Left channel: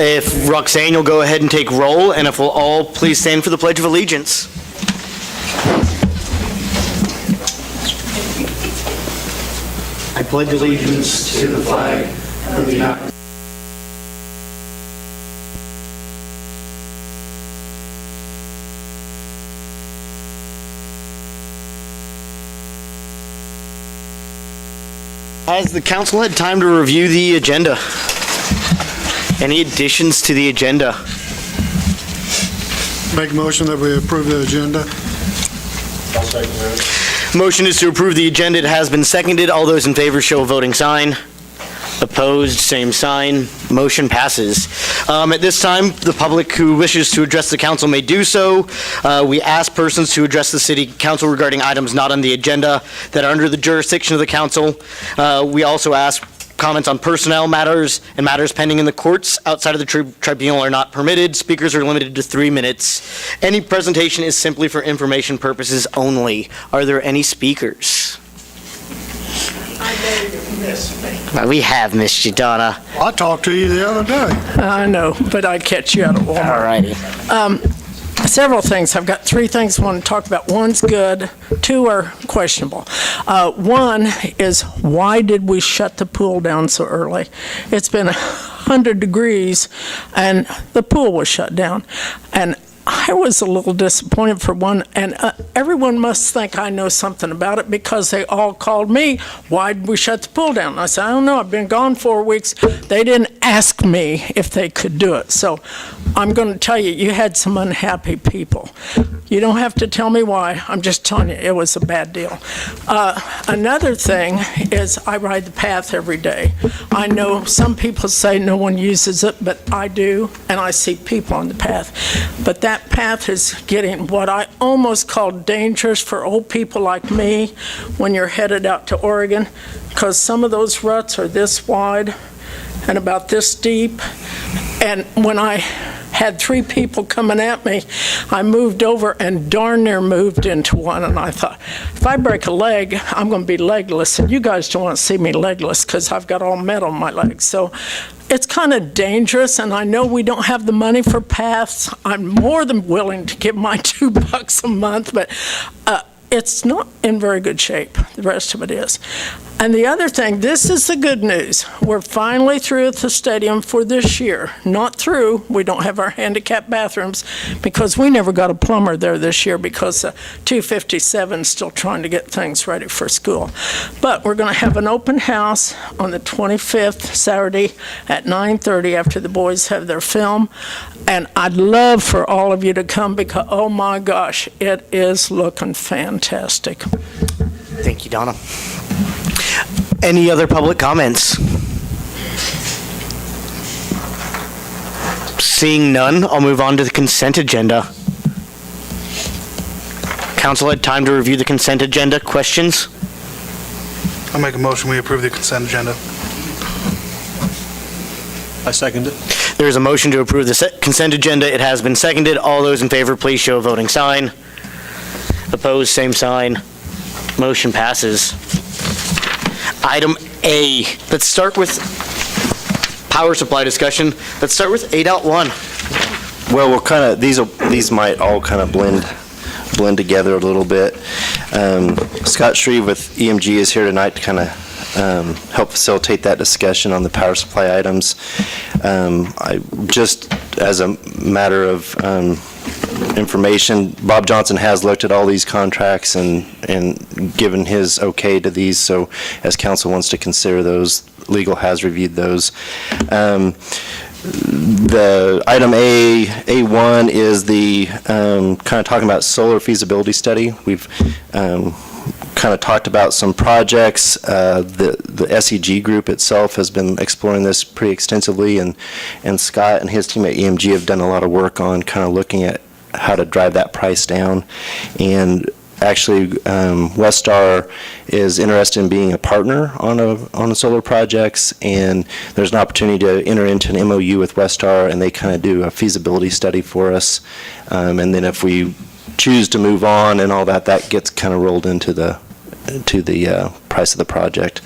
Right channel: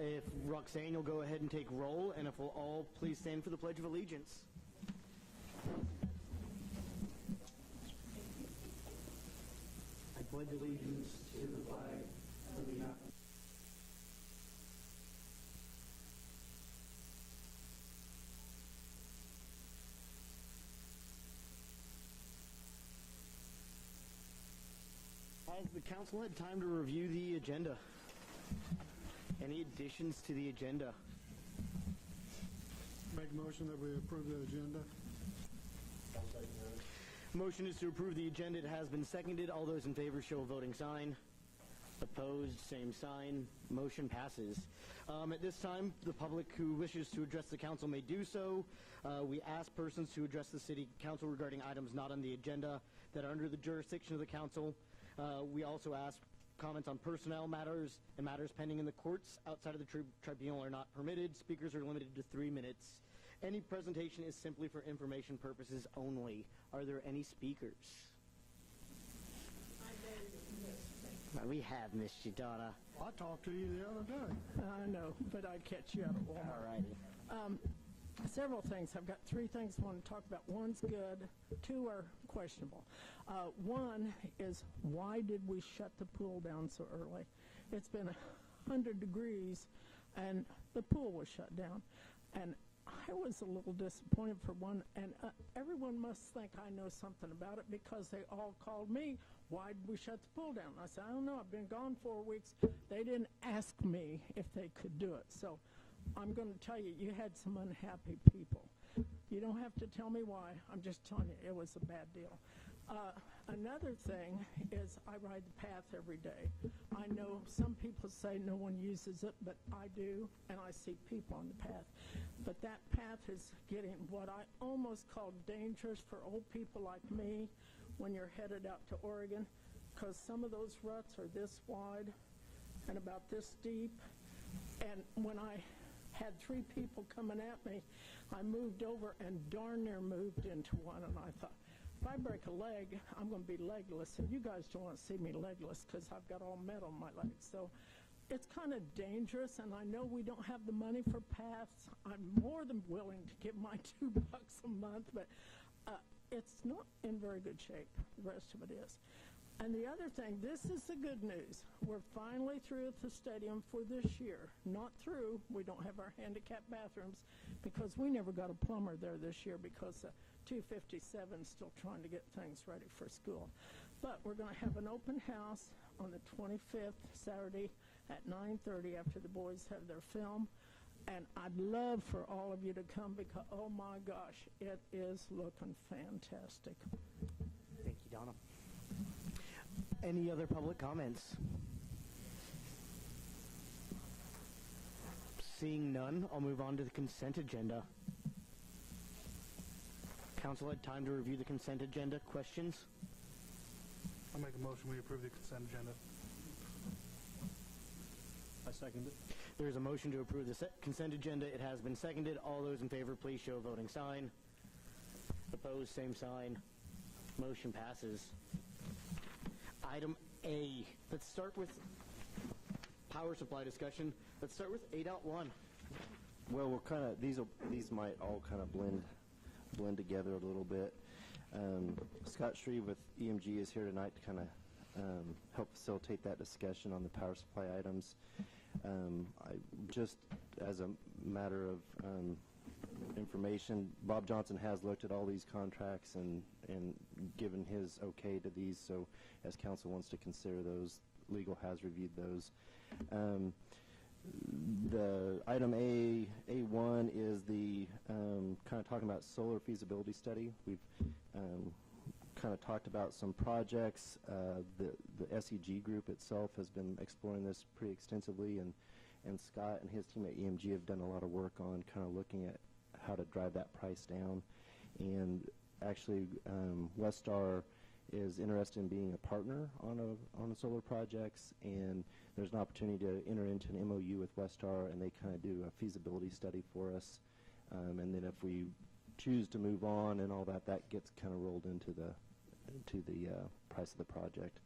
If Roxanne, you'll go ahead and take roll, and if we'll all please stand for the Pledge of Allegiance. I pledge allegiance to the flag of the United States. Has the council had time to review the agenda? Any additions to the agenda? Make a motion that we approve the agenda. I'll second that. Motion is to approve the agenda. It has been seconded. All those in favor show a voting sign. Opposed, same sign. Motion passes. At this time, the public who wishes to address the council may do so. We ask persons to address the city council regarding items not on the agenda that are under the jurisdiction of the council. We also ask comments on personnel matters and matters pending in the courts outside of the tribunal are not permitted. Speakers are limited to 3 minutes. Any presentation is simply for information purposes only. Are there any speakers? I know you missed me. We have missed you, Donna. I talked to you the other day. I know, but I'd catch you out at Walmart. All righty. Several things. I've got 3 things I want to talk about. One's good, 2 are questionable. One is, why did we shut the pool down so early? It's been 100 degrees, and the pool was shut down. And I was a little disappointed for one, and everyone must think I know something about it because they all called me, why did we shut the pool down? And I said, I don't know, I've been gone 4 weeks. They didn't ask me if they could do it. So I'm going to tell you, you had some unhappy people. You don't have to tell me why. I'm just telling you, it was a bad deal. Another thing is I ride the path every day. I know some people say no one uses it, but I do, and I see people on the path. But that path is getting what I almost call dangerous for old people like me when you're headed out to Oregon, because some of those ruts are this wide and about this deep. And when I had 3 people coming at me, I moved over and darn near moved into one, and I thought, if I break a leg, I'm going to be legless, and you guys don't want to see me legless because I've got all metal in my legs. So it's kind of dangerous, and I know we don't have the money for paths. I'm more than willing to give my $2 a month, but it's not in very good shape. The rest of it is. And the other thing, this is the good news. We're finally through at the stadium for this year. Not through. We don't have our handicap bathrooms because we never got a plumber there this year because 257 is still trying to get things ready for school. But we're going to have an open house on the 25th, Saturday at 9:30 after the boys have their film. And I'd love for all of you to come because, oh my gosh, it is looking fantastic. Thank you, Donna. Any other public comments? Seeing none, I'll move on to the consent agenda. Council had time to review the consent agenda. Questions? I'll make a motion we approve the consent agenda. I second it. There is a motion to approve the consent agenda. It has been seconded. All those in favor, please show a voting sign. Opposed, same sign. Motion passes. Item A. Let's start with power supply discussion. Let's start with 8.1. Well, we'll kind of these might all kind of blend together a little bit. Scott Shreve with EMG is here tonight to kind of help facilitate that discussion on the power supply items. I just as a matter of information, Bob Johnson has looked at all these contracts and given his okay to these, so as council wants to consider those, legal has reviewed those. The item A1 is the kind of talking about solar feasibility study. We've kind of talked about some projects. The SEG group itself has been exploring this pretty extensively, and Scott and his team at EMG have done a lot of work on kind of looking at how to drive that price down. And actually, Westar is interested in being a partner on the solar projects, and there's an opportunity to enter into an MOU with Westar, and they kind of do a feasibility study for us. And then if we choose to move on and all that, that gets kind of rolled into the price of the project.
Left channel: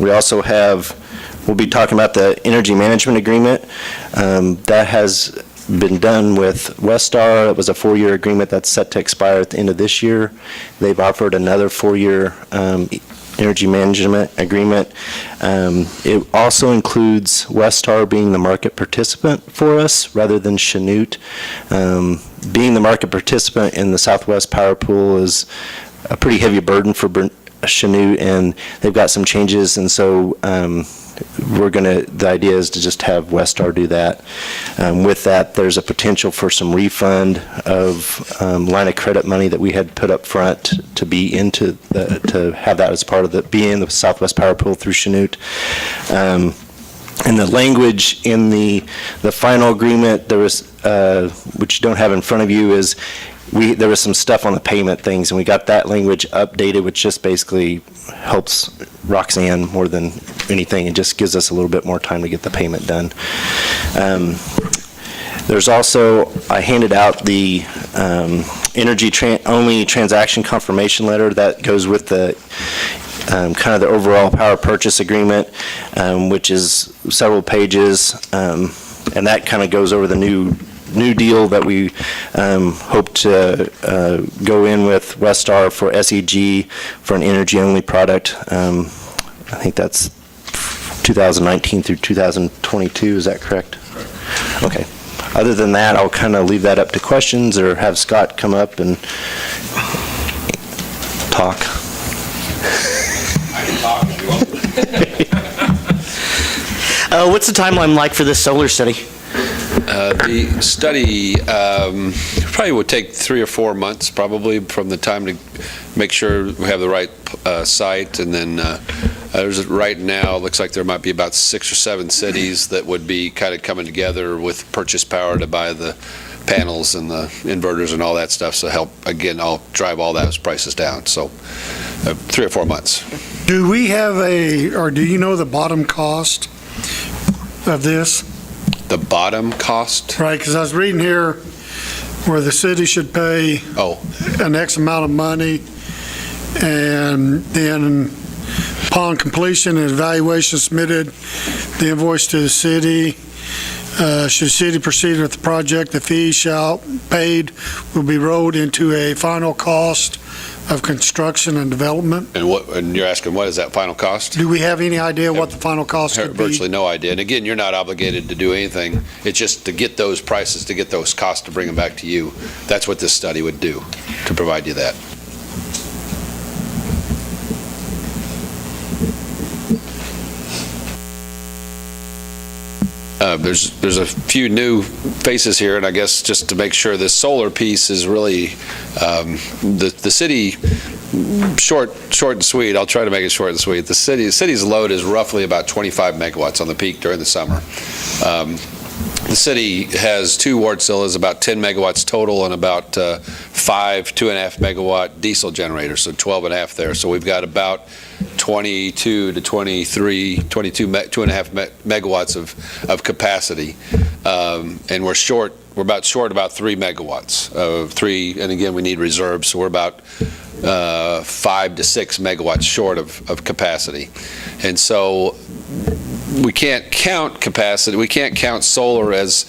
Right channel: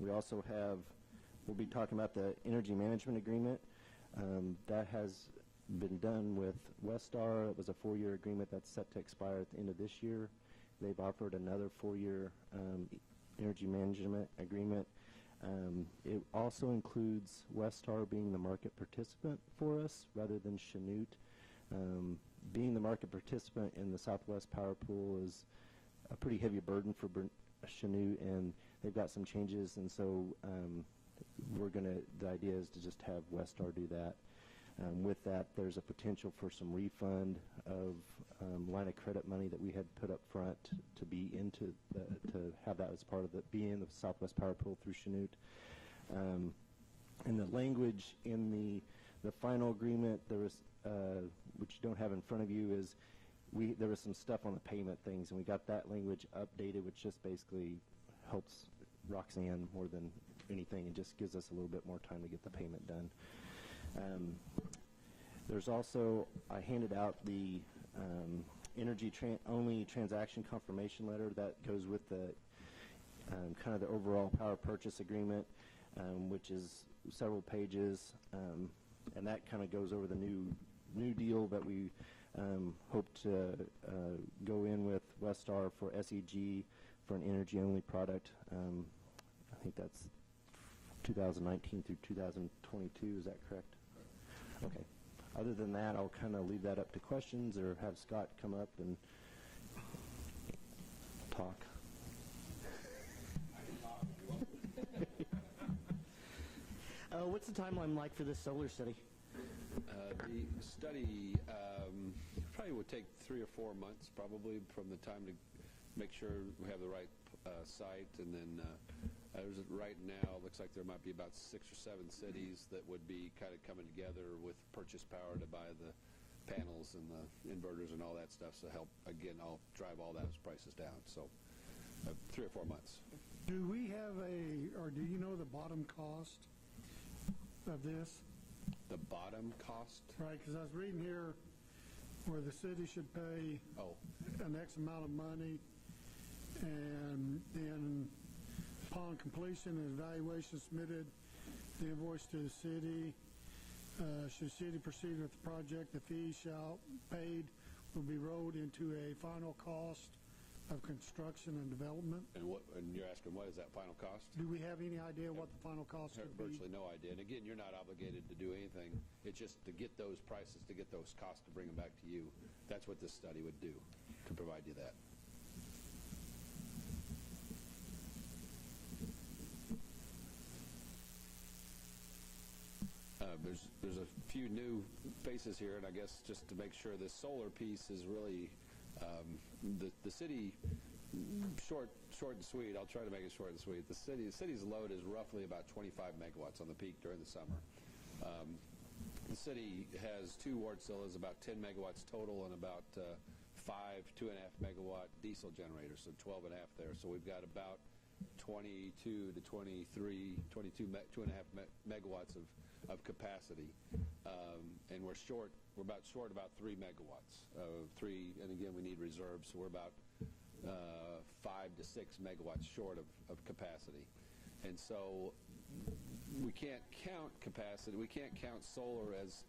We also have we'll be talking about the energy management agreement. That has been done with Westar. It was a 4-year agreement that's set to expire at the end of this year. They've offered another 4-year energy management agreement. It also includes Westar being the market participant for us rather than Chanute. Being the market participant in the Southwest Power Pool is a pretty heavy burden for Chanute, and they've got some changes, and so the idea is to just have Westar do that. With that, there's a potential for some refund of line of credit money that we had put up front to be to have that as part of be in the Southwest Power Pool through Chanute. And the language in the final agreement, there was, which you don't have in front of you, is there was some stuff on the payment things, and we got that language updated, which just basically helps Roxanne more than anything. It just gives us a little bit more time to get the payment done. There's also, I handed out the energy-only transaction confirmation letter that goes with the kind of the overall power purchase agreement, which is several pages, and that kind of goes over the new deal that we hope to go in with Westar for SEG for an energy-only product. I think that's 2019 through 2022, is that correct? Okay. Other than that, I'll kind of leave that up to questions or have Scott come up and talk. I can talk if you want. What's the timeline like for this solar study? The study probably would take 3 or 4 months, probably, from the time to make sure we have the right site. And then right now, it looks like there might be about 6 or 7 cities that would be kind of coming together with purchase power to buy the panels and the inverters and all that stuff. So I'll drive all those prices down. So 3 or 4 months. Do we have or do you know the bottom cost of this? The bottom cost? Right, because I was reading here where the city should pay an X amount of money, and then upon completion and evaluation submitted, the invoice to the city. Should the city proceed with the project, the fee paid will be rolled into a final cost of construction and development. And you're asking, what is that final cost? Do we have any idea what the final cost would be? Virtually no idea. And again, you're not obligated to do anything. It's just to get those prices, to get those costs, to bring them back to you. That's what this study would do, to provide you that. There's a few new faces here, and I guess just to make sure this solar piece is really the city, short and sweet. I'll try to make it short and sweet. The city's load is roughly about 25 megawatts on the peak during the summer. The city has 2 Wartsillas, about 10 megawatts total, and about 5 2.5 megawatt diesel generators, so 12.5 there. So we've got about 22 to 23, 2.5 megawatts of capacity, and we're about short about 3 megawatts of 3, and again, we need reserves, so we're about 5 to 6 megawatts short of capacity. And so we can't count capacity. We can't count solar as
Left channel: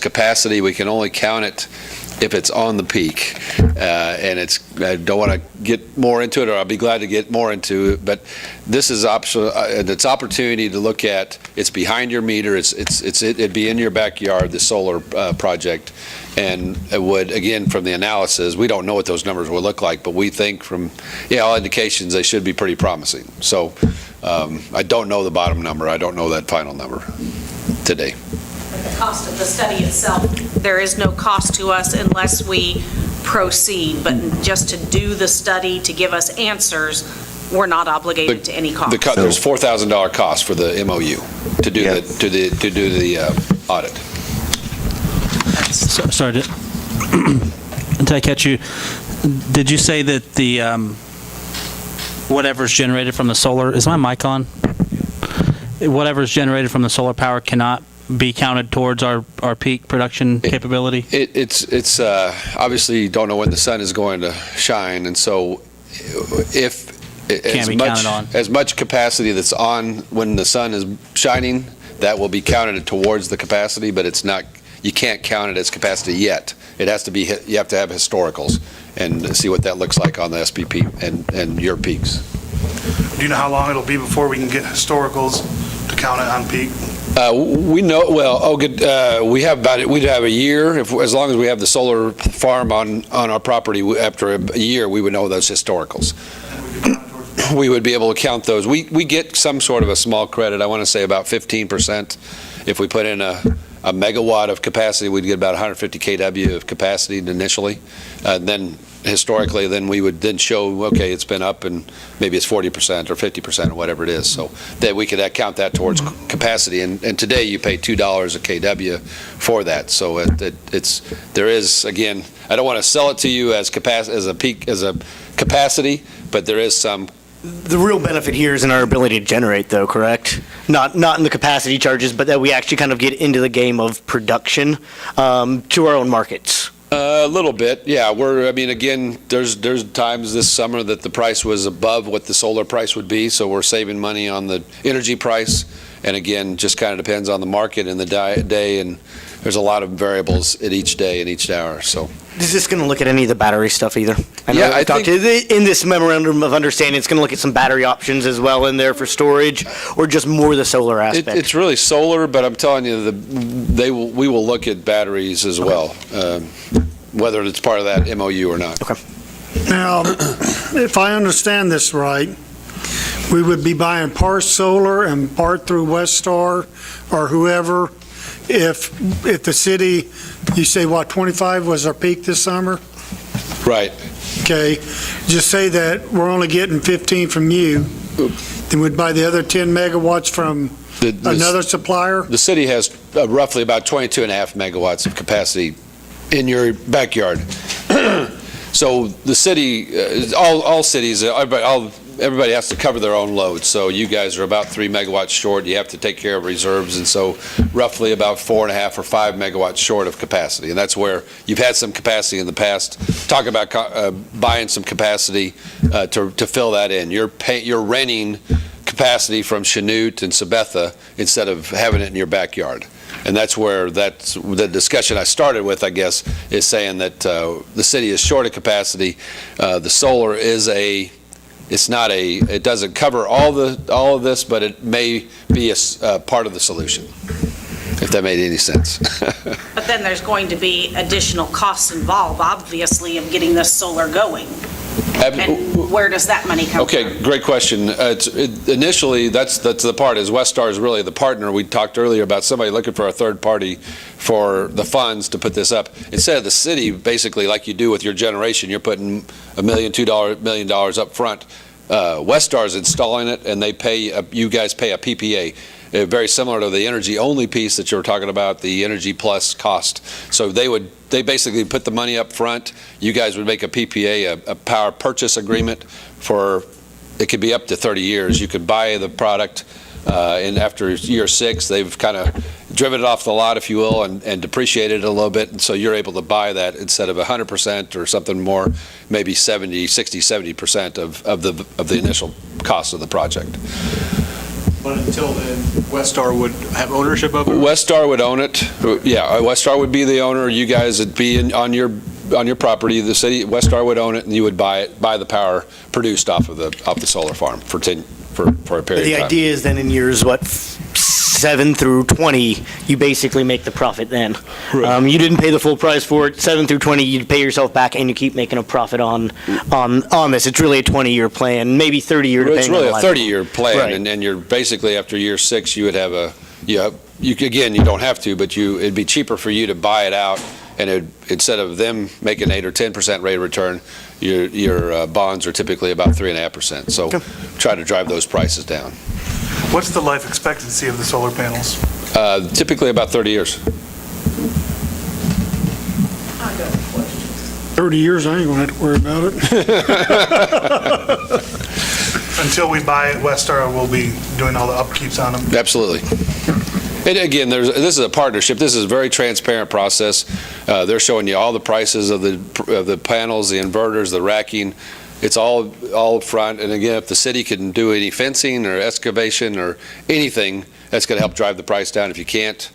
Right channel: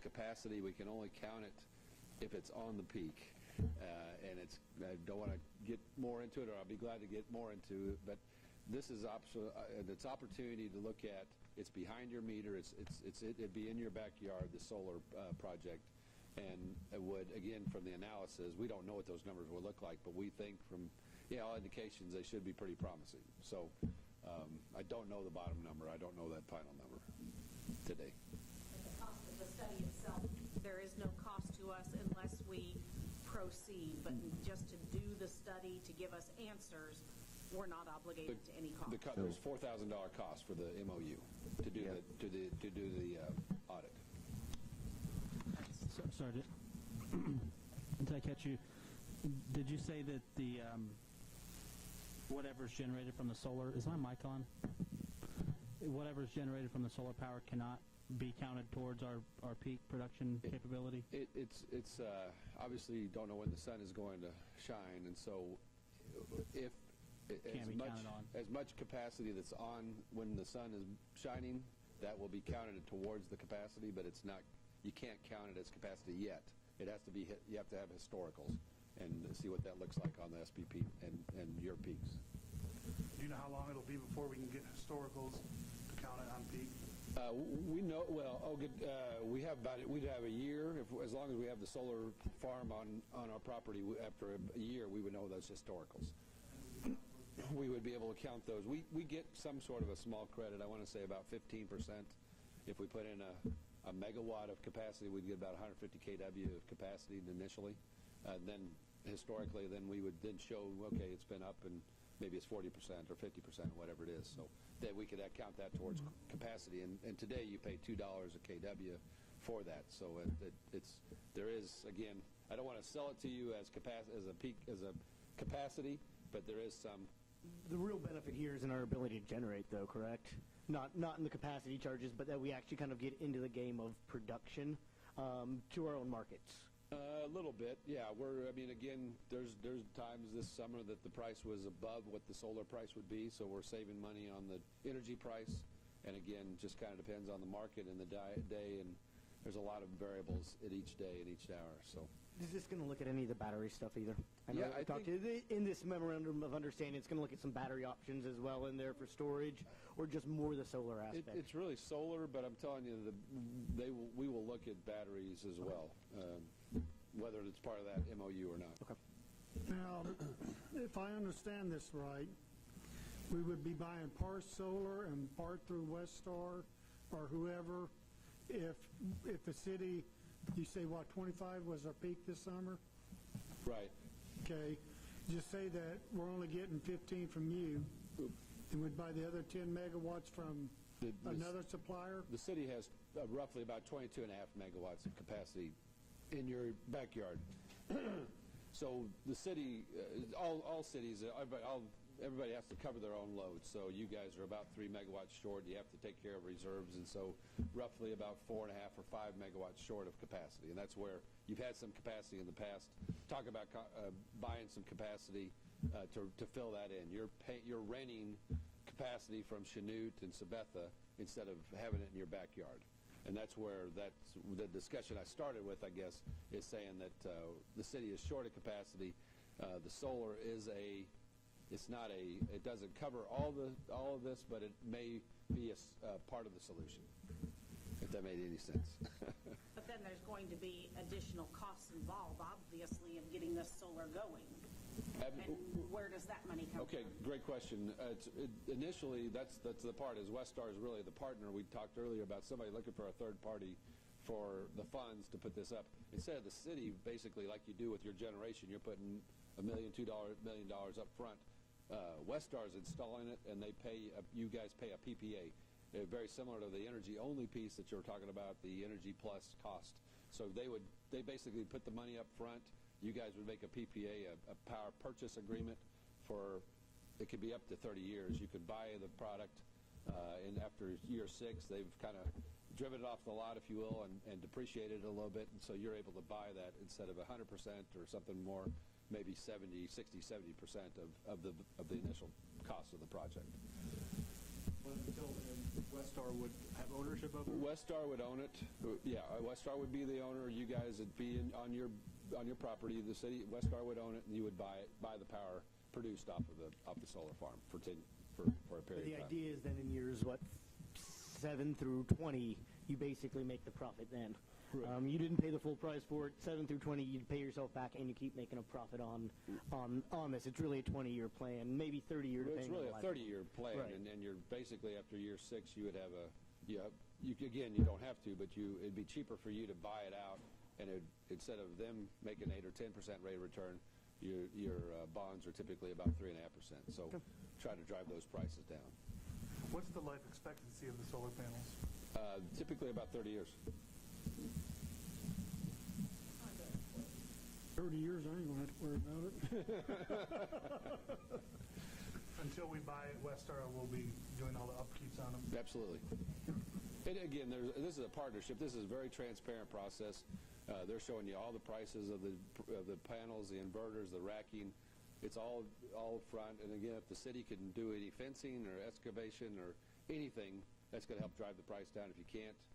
capacity. We can only count it if it's on the peak. And I don't want to get more into it, or I'll be glad to get more into it, but this is it's opportunity to look at. It's behind your meter. It'd be in your backyard, the solar project. And it would, again, from the analysis, we don't know what those numbers will look like, but we think from all indications they should be pretty promising. So I don't know the bottom number. I don't know that final number today. The cost of the study itself, there is no cost to us unless we proceed, but just to do the study, to give us answers, we're not obligated to any cost. There's $4,000 cost for the MOU to do the audit. Sorry, did I catch you? Did you say that the whatever's generated from the solar, is my mic on? Whatever's generated from the solar power cannot be counted towards our peak production capability? It's obviously you don't know when the sun is going to shine, and so if can't be counted on. As much capacity that's on when the sun is shining, that will be counted towards the capacity, but it's not, you can't count it as capacity yet. It has to be, you have to have historicals and see what that looks like on the SPP and your peaks. Do you know how long it'll be before we can get historicals to count it on peak? We know, well, we have we'd have a year, as long as we have the solar farm on our property, after a year, we would know those historicals. We would be able to count those. We get some sort of a small credit, I want to say about 15%. If we put in a megawatt of capacity, we'd get about 150 kW of capacity initially. Then historically, then we would then show, okay, it's been up and maybe it's 40% or 50% or whatever it is. So that we could count that towards capacity. And today you pay $2 a kW for that. So there is, again, I don't want to sell it to you as a capacity, but there is some. The real benefit here is in our ability to generate, though, correct? Not in the capacity charges, but that we actually kind of get into the game of production to our own markets. A little bit, yeah. Again, there's times this summer that the price was above what the solar price would be, so we're saving money on the energy price. And again, just kind of depends on the market and the day, and there's a lot of variables at each day and each hour, so. Is this going to look at any of the battery stuff either? Yeah, I think in this memorandum of understanding, it's going to look at some battery options as well in there for storage, or just more the solar aspect? It's really solar, but I'm telling you, we will look at batteries as well, whether it's part of that MOU or not. Okay. Now, if I understand this right, we would be buying part solar and part through Westar or whoever. If the city, you say, 25 was our peak this summer? Right. Okay, just say that we're only getting 15 from you, then we'd buy the other 10 megawatts from another supplier? The city has roughly about 22.5 megawatts of capacity in your backyard. So the city, all cities, everybody has to cover their own load. So you guys are about 3 megawatts short. You have to take care of reserves, and so roughly about 4.5 or 5 megawatts short of capacity. And that's where you've had some capacity in the past. Talk about buying some capacity to fill that in. You're renting capacity from Chanute and Sabetha instead of having it in your backyard. And that's the discussion I started with, I guess, is saying that the city is short of capacity. The solar is it doesn't cover all of this, but it may be a part of the solution, if that made any sense. But then there's going to be additional costs involved, obviously, of getting this solar going. And where does that money come from? Okay, great question. Initially, that's the part, is Westar is really the partner. We talked earlier about somebody looking for a third party for the funds to put this up. Instead of the city, basically, like you do with your generation, you're putting $1 million, $2 million up front. Westar is installing it, and you guys pay a PPA. Very similar to the energy-only piece that you were talking about, the energy plus cost. So they basically put the money up front. You guys would make a PPA, a power purchase agreement for, it could be up to 30 years. You could buy the product, and after year 6, they've kind of driven it off the lot, if you will, and depreciated it a little bit, and so you're able to buy that instead of 100% or something more, maybe 60, 70% of the initial cost of the project. But until then, Westar would have ownership of it? Westar would own it. Yeah, Westar would be the owner. You guys would be on your property. The city, Westar would own it, and you would buy the power produced off the solar farm for a period of time. The idea is then in years, 7 through 20, you basically make the profit then. Right. You didn't pay the full price for it. 7 through 20, you pay yourself back, and you keep making a profit on this. It's really a 20-year plan, maybe 30-year. It's really a on 30-year plan, right. and you're basically after year 6, you would have again, you don't have to, but it'd be cheaper for you to buy it out, and instead of them making 8 or 10% rate of return, your bonds are typically about 3.5%. So try to drive those prices down. What's the life expectancy of the solar panels? Typically about 30 years. 30 years, I ain't gonna have to worry about it. Until we buy it, Westar will be doing all the upkeeps on them? Absolutely. And again, this is a partnership. This is a very transparent process. They're showing you all the prices of the panels, the inverters, the racking. It's all front, and again, if the city can do any fencing or excavation or anything, that's going to help drive the price down. If you can't,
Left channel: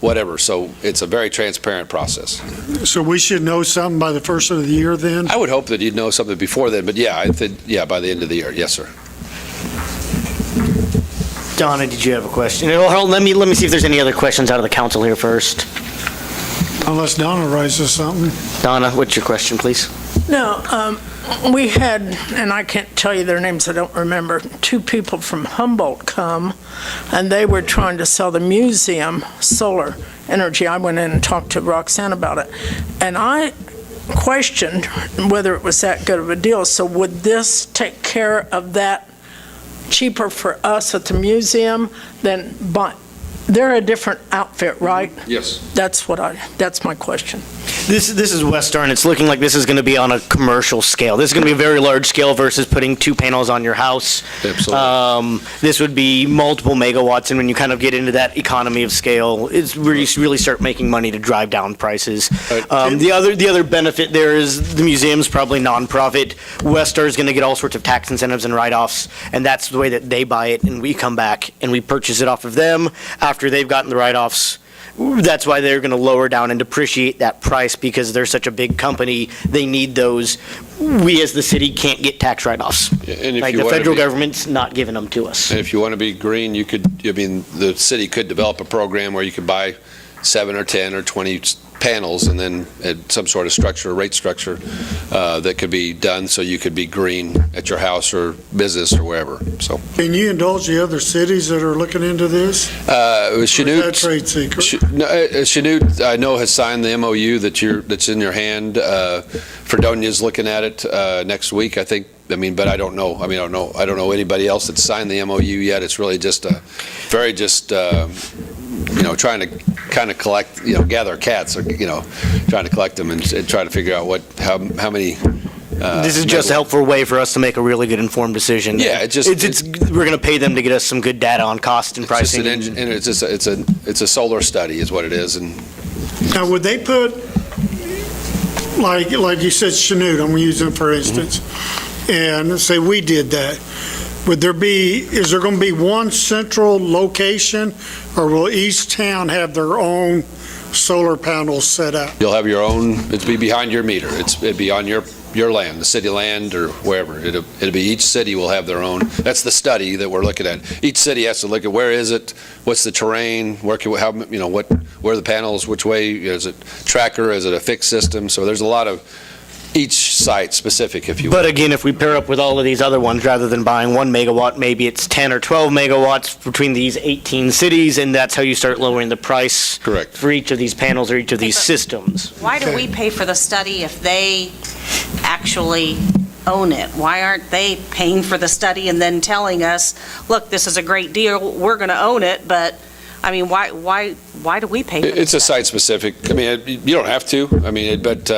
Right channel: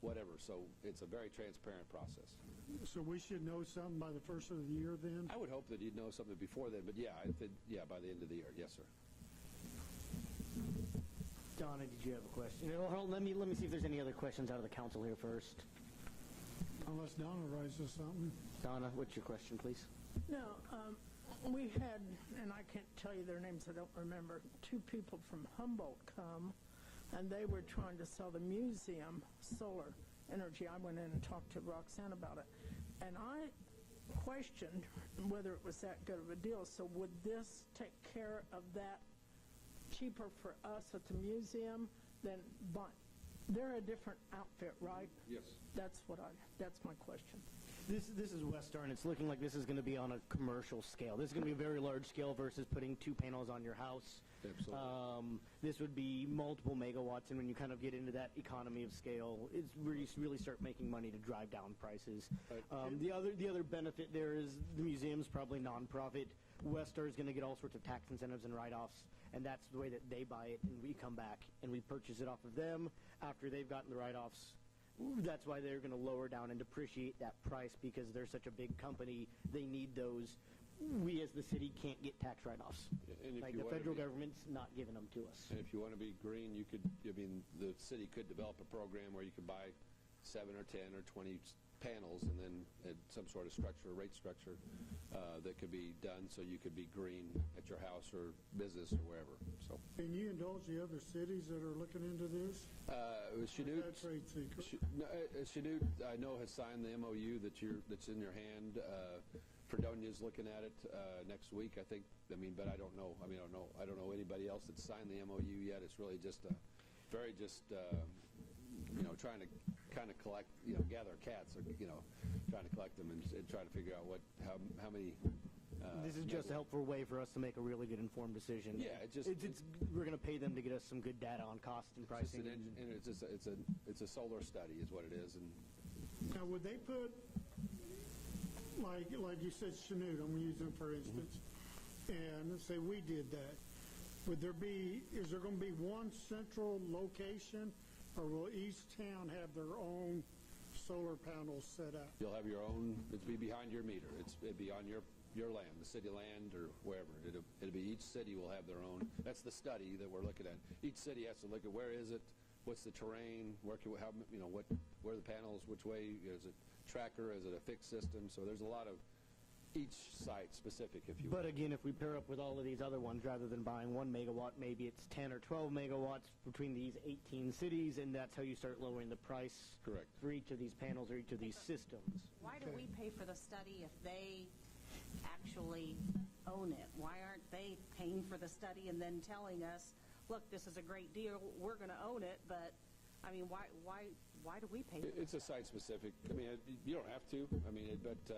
whatever. So it's a very transparent process. So we should know something by the first of the year then? I would hope that you'd know something before then, but yeah, I think, by the end of the year, yes, sir. Donna, did you have a question? Hold on, let me see if there's any other questions out of the council here first. Unless Donna raises something. Donna, what's your question, please? No, we had, and I can't tell you their names, I don't remember, two people from Humboldt come, and they were trying to sell the museum solar energy. I went in and talked to Roxanne about it, and I questioned whether it was that good of a deal. So would this take care of that cheaper for us at the museum than buy? They're a different outfit, right? Yes. That's my question. This is Westar, and it's looking like this is going to be on a commercial scale. This is going to be a very large scale versus putting 2 panels on your house. Absolutely. This would be multiple megawatts, and when you kind of get into that economy of scale, it's where you really start making money to drive down prices. The other benefit there is the museum's probably nonprofit. Westar is going to get all sorts of tax incentives and write-offs, and that's the way that they buy it, and we come back and we purchase it off of them after they've gotten the write-offs. That's why they're going to lower down and depreciate that price, because they're such a big company. They need those. We as the city can't get tax write-offs. And if Like you the want to federal be- government's not giving them to us. And if you want to be green, the city could develop a program where you could buy 7 or 10 or 20 panels, and then some sort of structure, rate structure, that could be done so you could be green at your house or business or wherever. So, Can you indulge the other cities that are looking into this? Or is that trade secret? Chanute, I know, has signed the MOU that's in your hand. Fredonia's looking at it next week, I think. But I don't know. I don't know anybody else that's signed the MOU yet. It's really just trying to kind of collect, gather cats, or, trying to collect them and try to figure out how many. This is just a helpful way for us to make a really good informed decision. Yeah, we're going to pay them to get us some good data on cost and pricing. It's a solar study is what it is. And Now, would they put, like you said, Chanute, I'm going to use them for instance, and say we did that. Is there going to be one central location, or will each town have their own solar panels set up? you'll have your own. It'd be behind your meter. It'd be on your land, the city land, or wherever. It'll be, each city will have their own. That's the study that we're looking at. Each city has to look at where is it, what's the terrain, where are the panels, which way, is it tracker, is it a fixed system? So there's a lot of each site specific, if you will. But again, if we pair up with all of these other ones, rather than buying 1 megawatt, maybe it's 10 or 12 megawatts between these 18 cities, and that's how you start lowering the price. Correct. For each of these panels or each of these systems. Why do we pay for the study if they actually own it? Why aren't they paying for the study and then telling us, look, this is a great deal, we're going to own it, but, why do we pay for it? It's a site-specific, you don't have to, but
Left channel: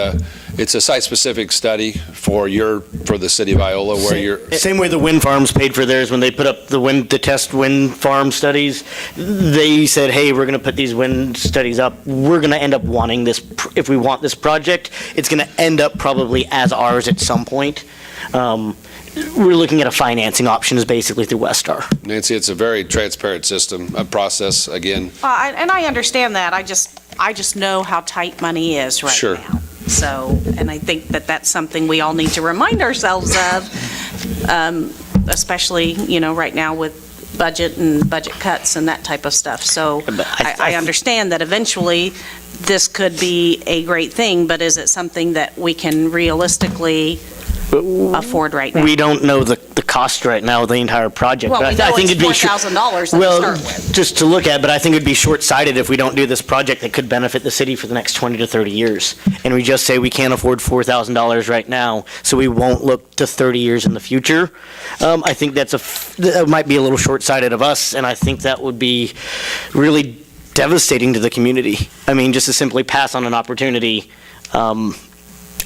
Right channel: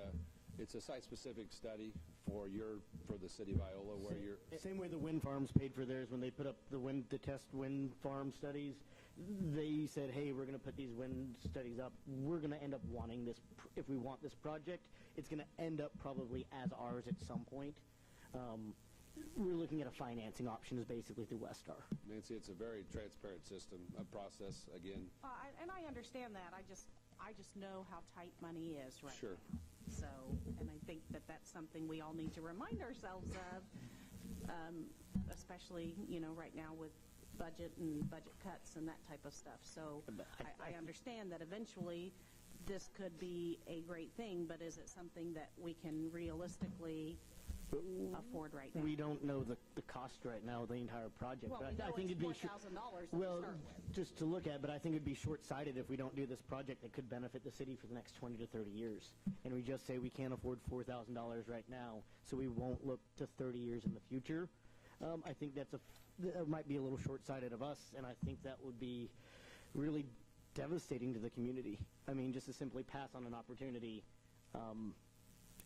it's a site-specific study for the city of Iola, where you're... Same way the wind farms paid for theirs when they put up the test wind farm studies. They said, hey, we're going to put these wind studies up. We're going to end up wanting this, if we want this project, it's going to end up probably as ours at some point. We're looking at a financing option is basically through Westar. Nancy, it's a very transparent system, a process, again. And I understand that. I just know how tight money is right Sure. now. So, and I think that that's something we all need to remind ourselves of, especially, right now with budget and budget cuts and that type of stuff. So I understand that eventually this could be a great thing, but is it something that we can realistically afford right now? We don't know the cost right now of the entire project. Well, but we know I think it's it'd be $4,000 to well, start with. just to look at, but I think it'd be short-sighted if we don't do this project that could benefit the city for the next 20 to 30 years. And we just say we can't afford $4,000 right now, so we won't look to 30 years in the future. I think that might be a little short-sighted of us, and I think that would be really devastating to the community. Just to simply pass on an opportunity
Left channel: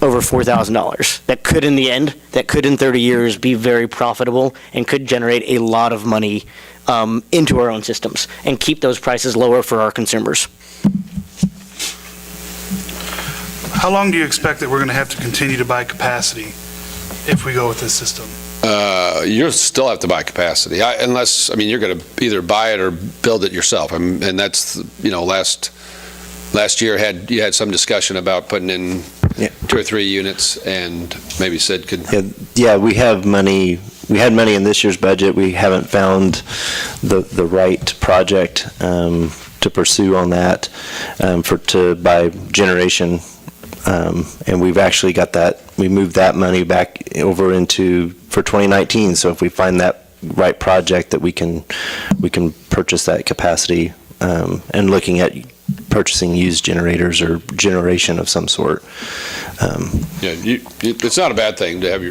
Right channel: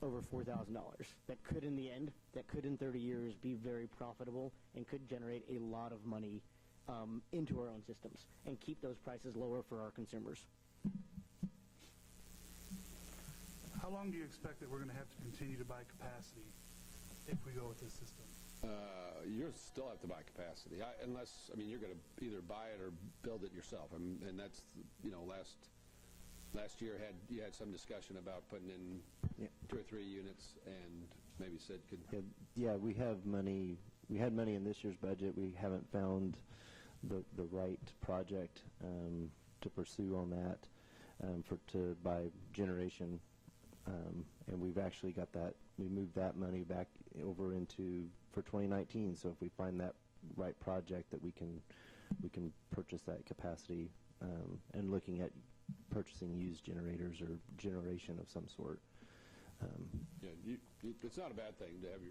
over $4,000. That could in 30 years be very profitable and could generate a lot of money into our own systems and keep those prices lower for our consumers. How long do you expect that we're going to have to continue to buy capacity if we go with this system? You'll still have to buy capacity, unless, I mean, you're going to either buy it or build it yourself. And that's, last year you had some discussion about putting in 2 or 3 units, and maybe Sid could. Yeah, we have money. We had money in this year's budget. We haven't found the right project to pursue on that to buy generation. And we've actually got that, we moved that money back over for 2019. So if we find that right project that we can purchase that capacity, and looking at purchasing used generators or generation of some sort. It's not a bad thing to have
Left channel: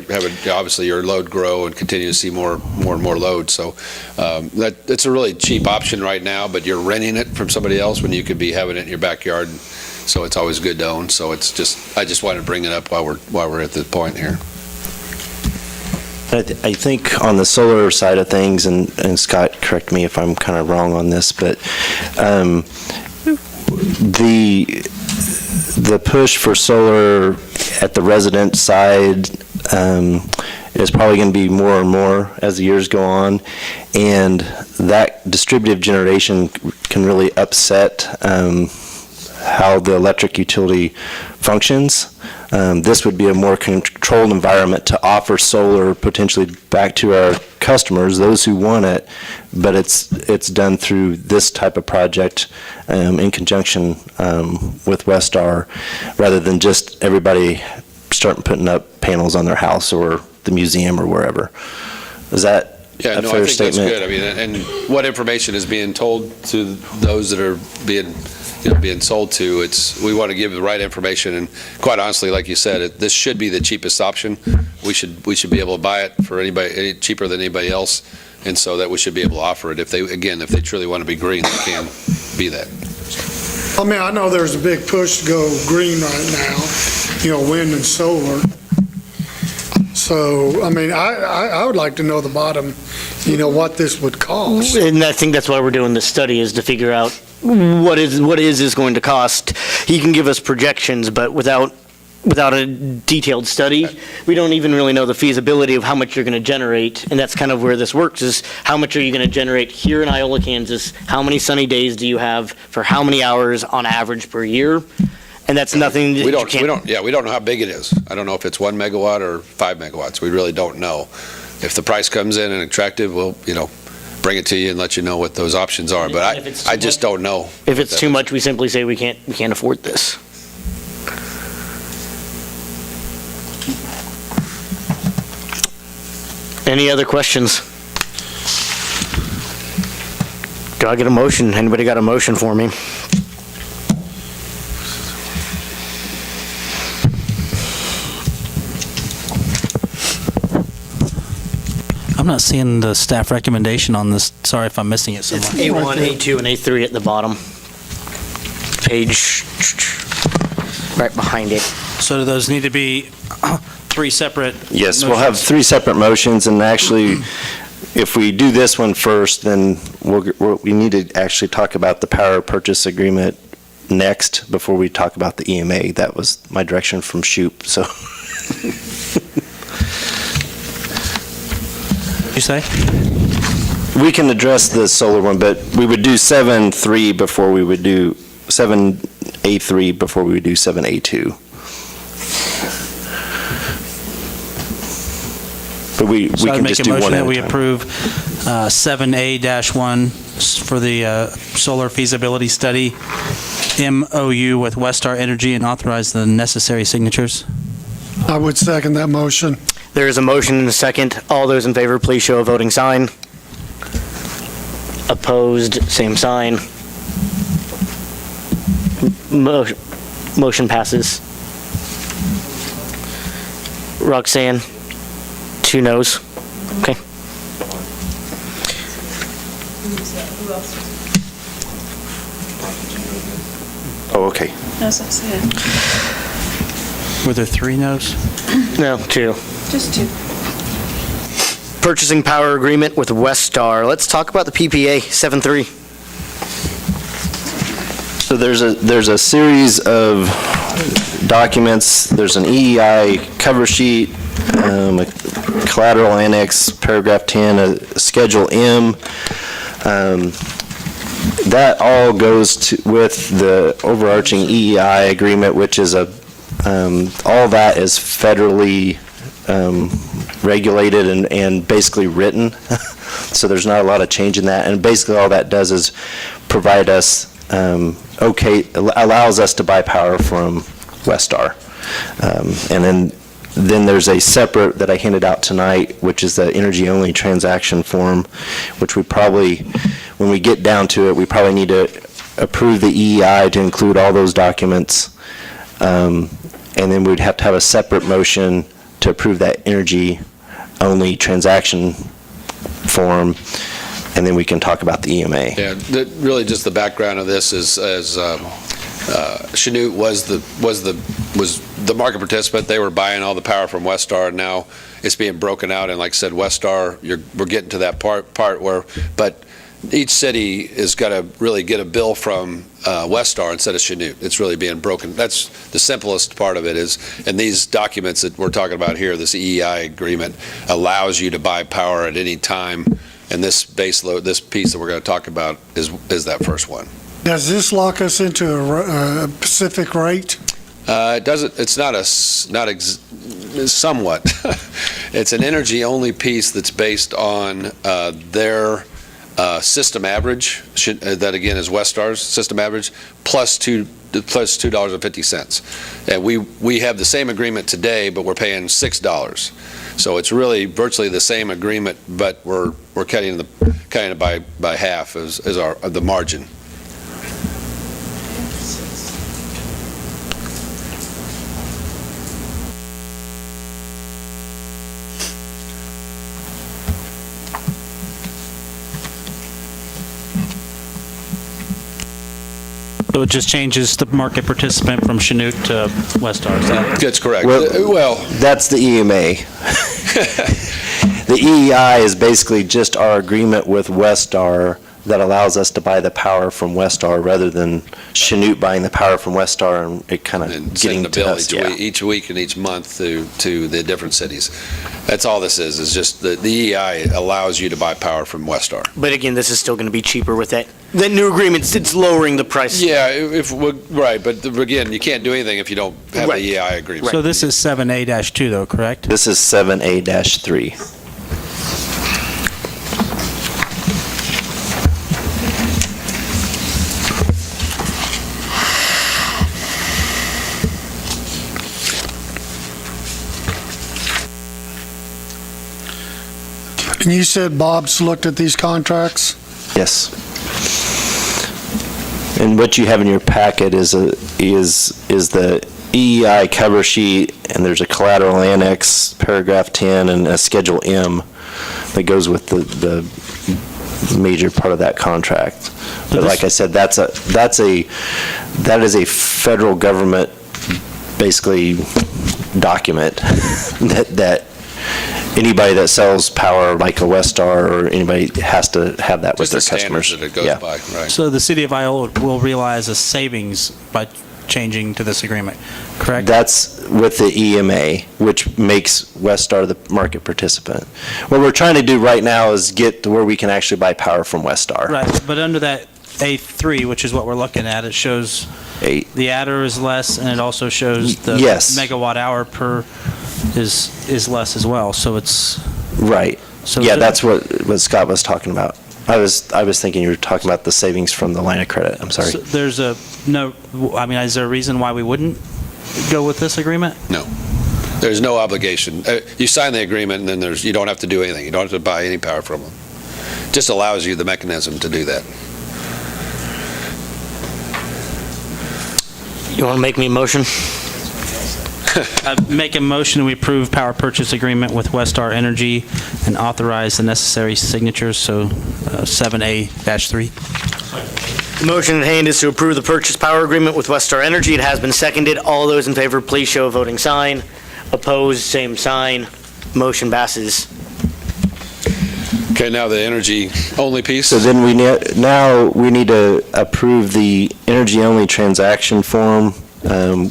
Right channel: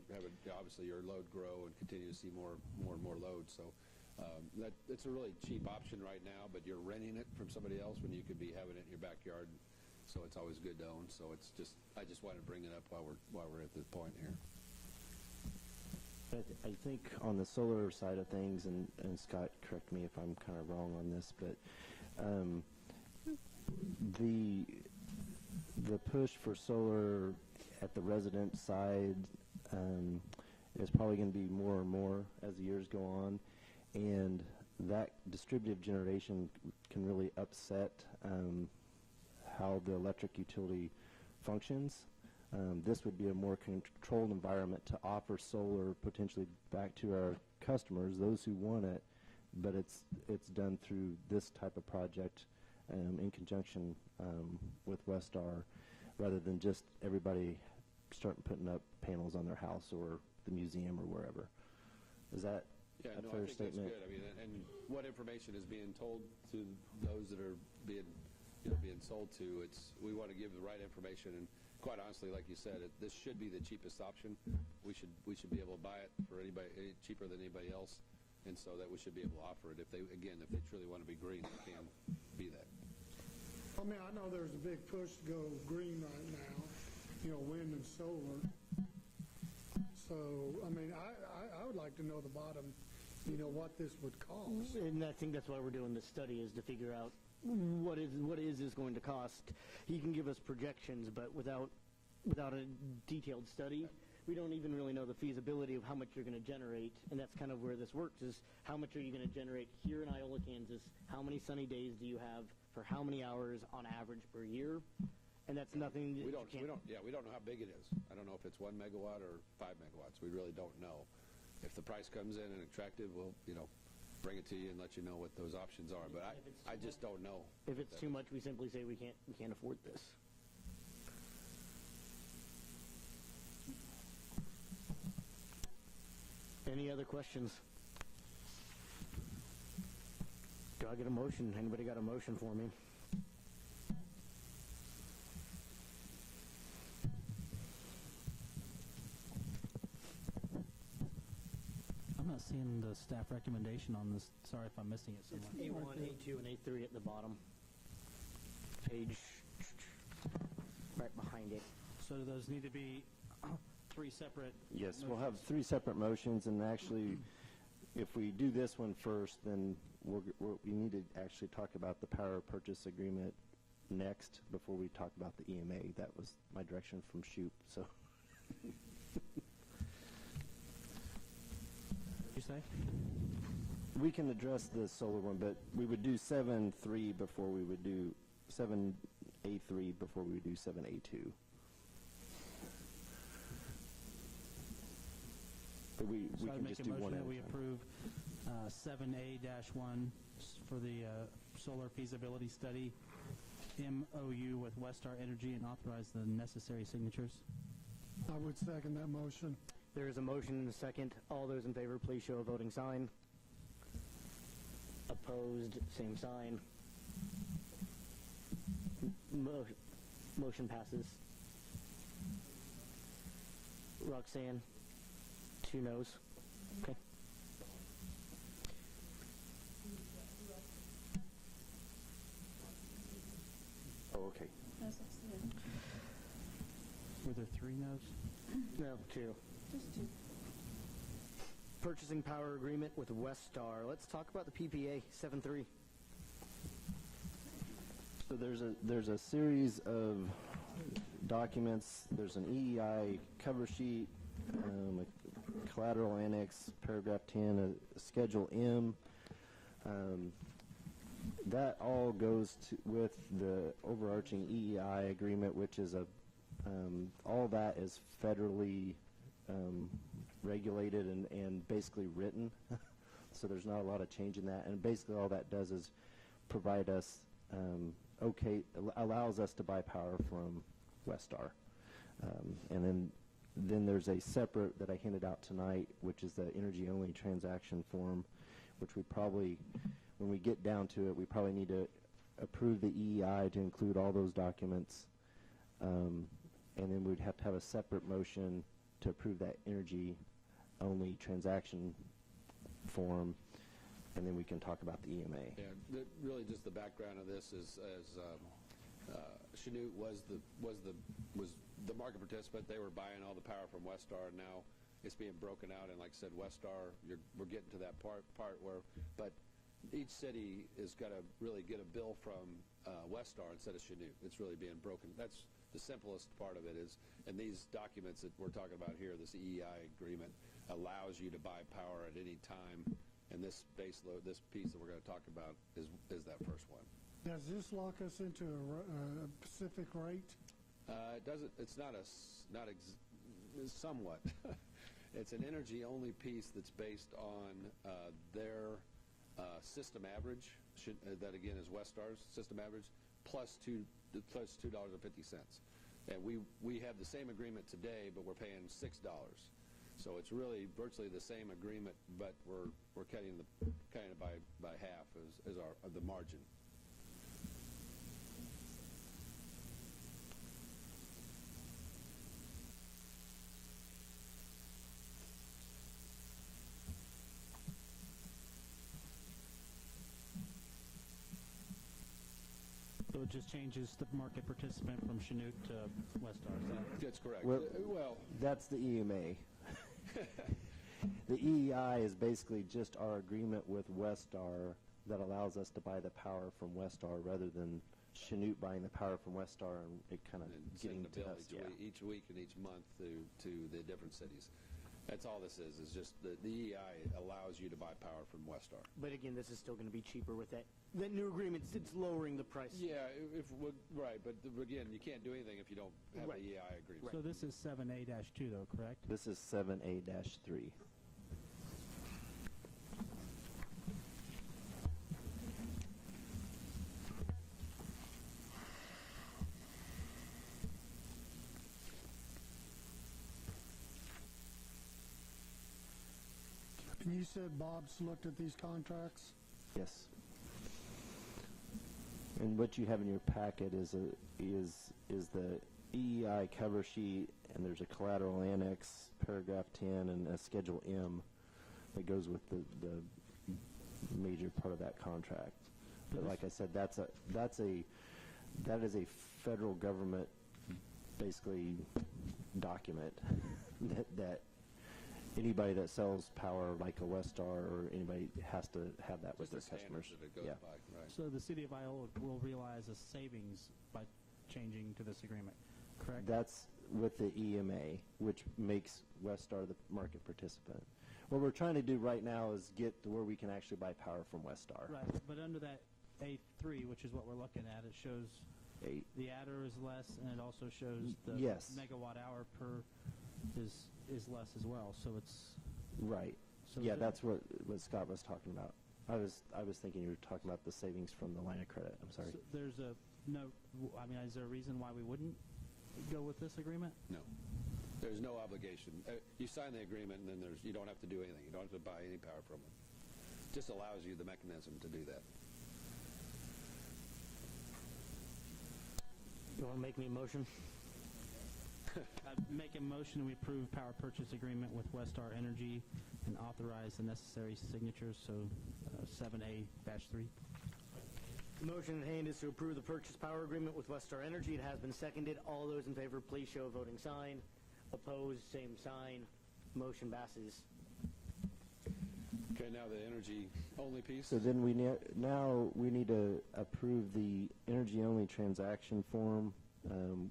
obviously your load grow and continue to see more and more load. So it's a really cheap option right now, but you're renting it from somebody else when you could be having it in your backyard. So it's always good to own. So I just wanted to bring it up while we're at the point here. I think on the solar side of things, and Scott, correct me if I'm kind of wrong on this, but the push for solar at the resident side is probably going to be more and more as the years go on, and that distributed generation can really upset how the electric utility functions. This would be a more controlled environment to offer solar potentially back to our customers, those who want it, but it's done through this type of project in conjunction with Westar, rather than just everybody starting putting up panels on their house or the museum or wherever. Is that a fair statement? That's good. I mean, and what information is being told to those that are being sold to, we want to give the right information, and quite honestly, like you said, this should be the cheapest option. We should be able to buy it for anybody cheaper than anybody else, and so that we should be able to offer it. If they truly want to be green, they can be that. I mean, I know there's a big push to go green right now, wind and solar. So, I mean, I would like to know the bottom, what this would cost. And I think that's why we're doing this study, is to figure out what is going to cost. He can give us projections, but without a detailed study, we don't even really know the feasibility of how much you're going to generate. And that's kind of where this works, is how much are you going to generate here in Iola, Kansas? How many sunny days do you have for how many hours on average per year? And that's nothing that we don't know how big it is. I don't know if it's 1 megawatt or 5 megawatts. We really don't know. If the price comes in and attractive, we'll, bring it to you and let you know what those options are. But I just don't know. If it's too much, we simply say we can't afford this. Any other questions? Do I get a motion? Anybody got a motion for me? I'm not seeing the staff recommendation on this. Sorry if I'm missing it somewhere. It's A1, A2, and A3 at the bottom. Page right behind it. So do those need to be 3 separate? Yes, we'll have 3 separate motions, and actually, if we do this one first, then we need to actually talk about the power purchase agreement next before we talk about the EMA. That was my direction from Shoop, so. You say? We can address the solar one, but we would do 7A3 before we would do 7A3 before we would do 7A2. But we can just do one at a time. So I'd make a motion that we approve 7A-1 for the solar feasibility study, MOU with Westar Energy, and authorize the necessary signatures. I would second that motion. There is a motion and a second. All those in favor, please show a voting sign. Opposed, same sign. Motion passes. Roxanne, 2 noes. Okay. Oh, okay. As I said, Were there 3 no's? No, 2. just 2. Purchasing power agreement with Westar. Let's talk about the PPA, 7.3. So there's a series of documents. There's an EEI cover sheet, a collateral annex, paragraph 10, Schedule M. That all goes with the overarching EEI agreement, which is all that is federally regulated and basically written. So there's not a lot of change in that. And basically all that does is provide us, allows us to buy power from Westar. And then there's a separate that I handed out tonight, which is the energy-only transaction form, which we probably, when we get down to it, we probably need to approve the EEI to include all those documents. And then we'd have to have a separate motion to approve that energy-only transaction form, and then we can talk about the EMA. Yeah, really just the background of this is, as Chanute was the market participant. They were buying all the power from Westar, and now it's being broken out. And like I said, Westar, we're getting to that part where, but each city is got to really get a bill from Westar instead of Chanute. It's really being broken. That's the simplest part of it is, and these documents that we're talking about here, this EEI agreement allows you to buy power at any time. And this base load, this piece that we're going to talk about is that first one. Does this lock us into a specific rate? It doesn't. It's somewhat. It's an energy-only piece that's based on their system average. That again is Westar's system average plus $2.50. And we have the same agreement today, but we're paying $6. So it's really virtually the same agreement, but we're cutting it by half as the margin. So it just changes the market participant from Chanute to Westar, is that? That's correct. Well, that's the EMA. The EEI is basically just our agreement with Westar that allows us to buy the power from Westar rather than Chanute buying the power from Westar and it kind of getting the to bill us. each week and each month to the different cities. That's all this is just the EEI allows you to buy power from Westar. But again, this is still going to be cheaper with that. The new agreement, it's lowering the price. Yeah, right, but again, you can't do anything if you don't have Right. the EEI agreement. So this is 7A-2 though, correct? This is 7A-3. And you said Bob's looked at these contracts? Yes. And what you have in your packet is the EEI cover sheet, and there's a collateral annex, paragraph 10, and a Schedule M that goes with the major part of that contract. But like I said, that is a federal government, basically, document that anybody that sells power like a Westar or anybody has to have that with their Just the customers. standards that it goes by, right. So the city of Iola will realize a savings by changing to this agreement, correct? That's with the EMA, which makes Westar the market participant. What we're trying to do right now is get to where we can actually buy power from Westar. Right, but under that A3, which is what we're looking at, it shows the adder is less, and it also shows the Yes. megawatt hour per is less as well, so it's... Right. So Yeah, the- that's what Scott was talking about. I was thinking you were talking about the savings from the line of credit. I'm sorry. So there's is there a reason why we wouldn't go with this agreement? No. There's no obligation. You sign the agreement, and then you don't have to do anything. You don't have to buy any power from them. Just allows you the mechanism to do that. You want to make me a motion? I make a motion we approve power purchase agreement with Westar Energy and authorize the necessary signatures, so 7A-3. The motion at hand is to approve the purchase power agreement with Westar Energy. It has been seconded. All those in favor, please show a voting sign. Opposed, same sign. Motion passes. Okay, now the energy-only piece. So then we need to approve the energy-only transaction form,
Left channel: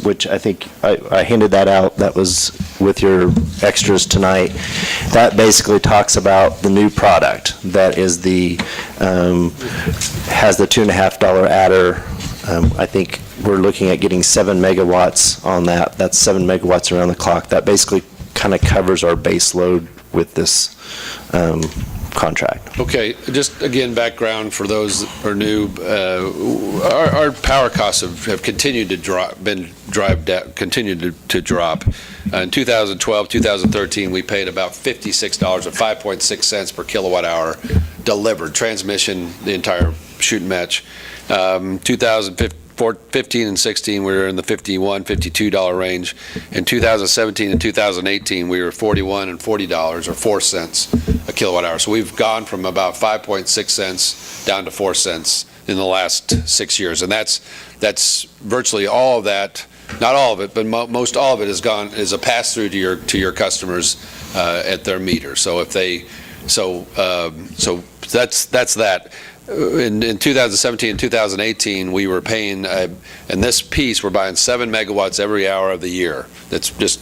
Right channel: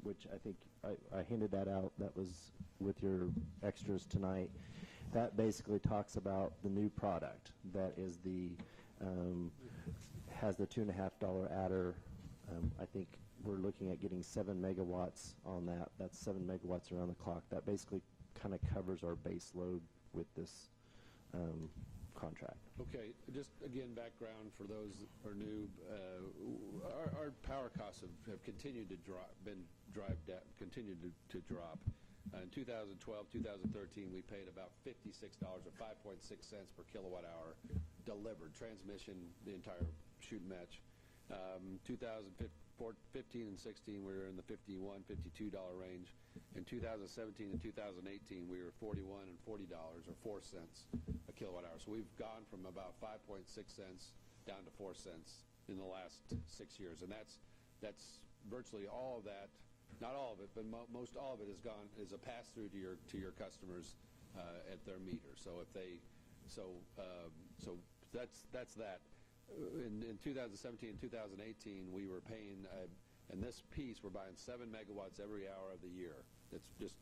which I think I handed that out. That was with your extras tonight, that basically talks about the new product that is has the $2.50 adder. I think we're looking at getting 7 megawatts on that. That's 7 megawatts around the clock. That basically kind of covers our base load with this contract. Okay, just again, background for those that are new. Our power costs have continued to drop, continued to drop. In 2012, 2013, we paid about $56 or 5.6 cents per kilowatt hour delivered, transmission, the entire shoot and match. 2015 and 16, we were in the $51, $52 range. In 2017 and 2018, we were $41 and $40 or 4 cents a kilowatt hour. So we've gone from about 5.6 cents down to 4 cents in the last 6 years. And that's virtually all of that, not all of it, but most all of it is a pass through to your customers at their meter. So if they, so that's that. In 2017 and 2018, we were paying, in this piece, we're buying 7 megawatts every hour of the year. That's just,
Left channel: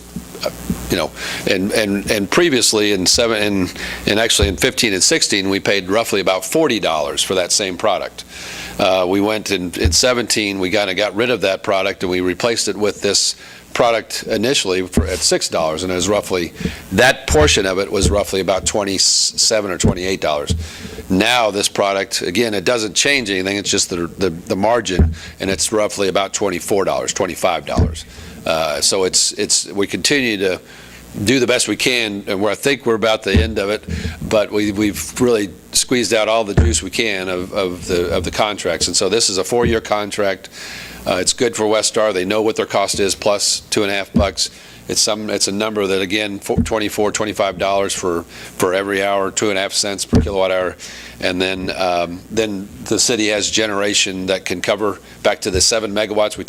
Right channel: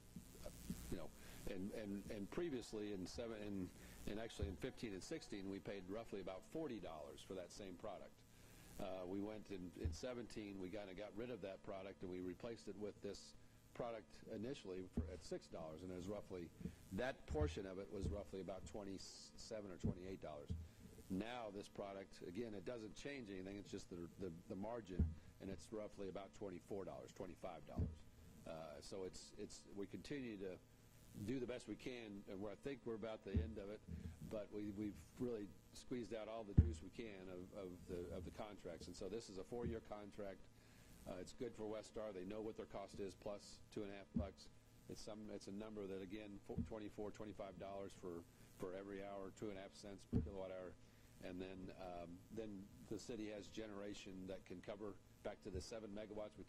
and previously actually in 15 and 16, we paid roughly about $40 for that same product. We went in 17, we kind of got rid of that product and we replaced it with this product initially at $6, and it was roughly, that portion of it was roughly about $27 or $28. Now this product, again, it doesn't change anything, it's just the margin, and it's roughly about $24, $25. So we continue to do the best we can, and I think we're about the end of it, but we've really squeezed out all the juice we can of the contracts. And so this is a 4-year contract. It's good for Westar. They know what their cost is, plus $2.50. It's a number that, again, $24, $25 for every hour, 2.5 cents per kilowatt hour. And then the city has generation that can cover back to the 7 megawatts. We're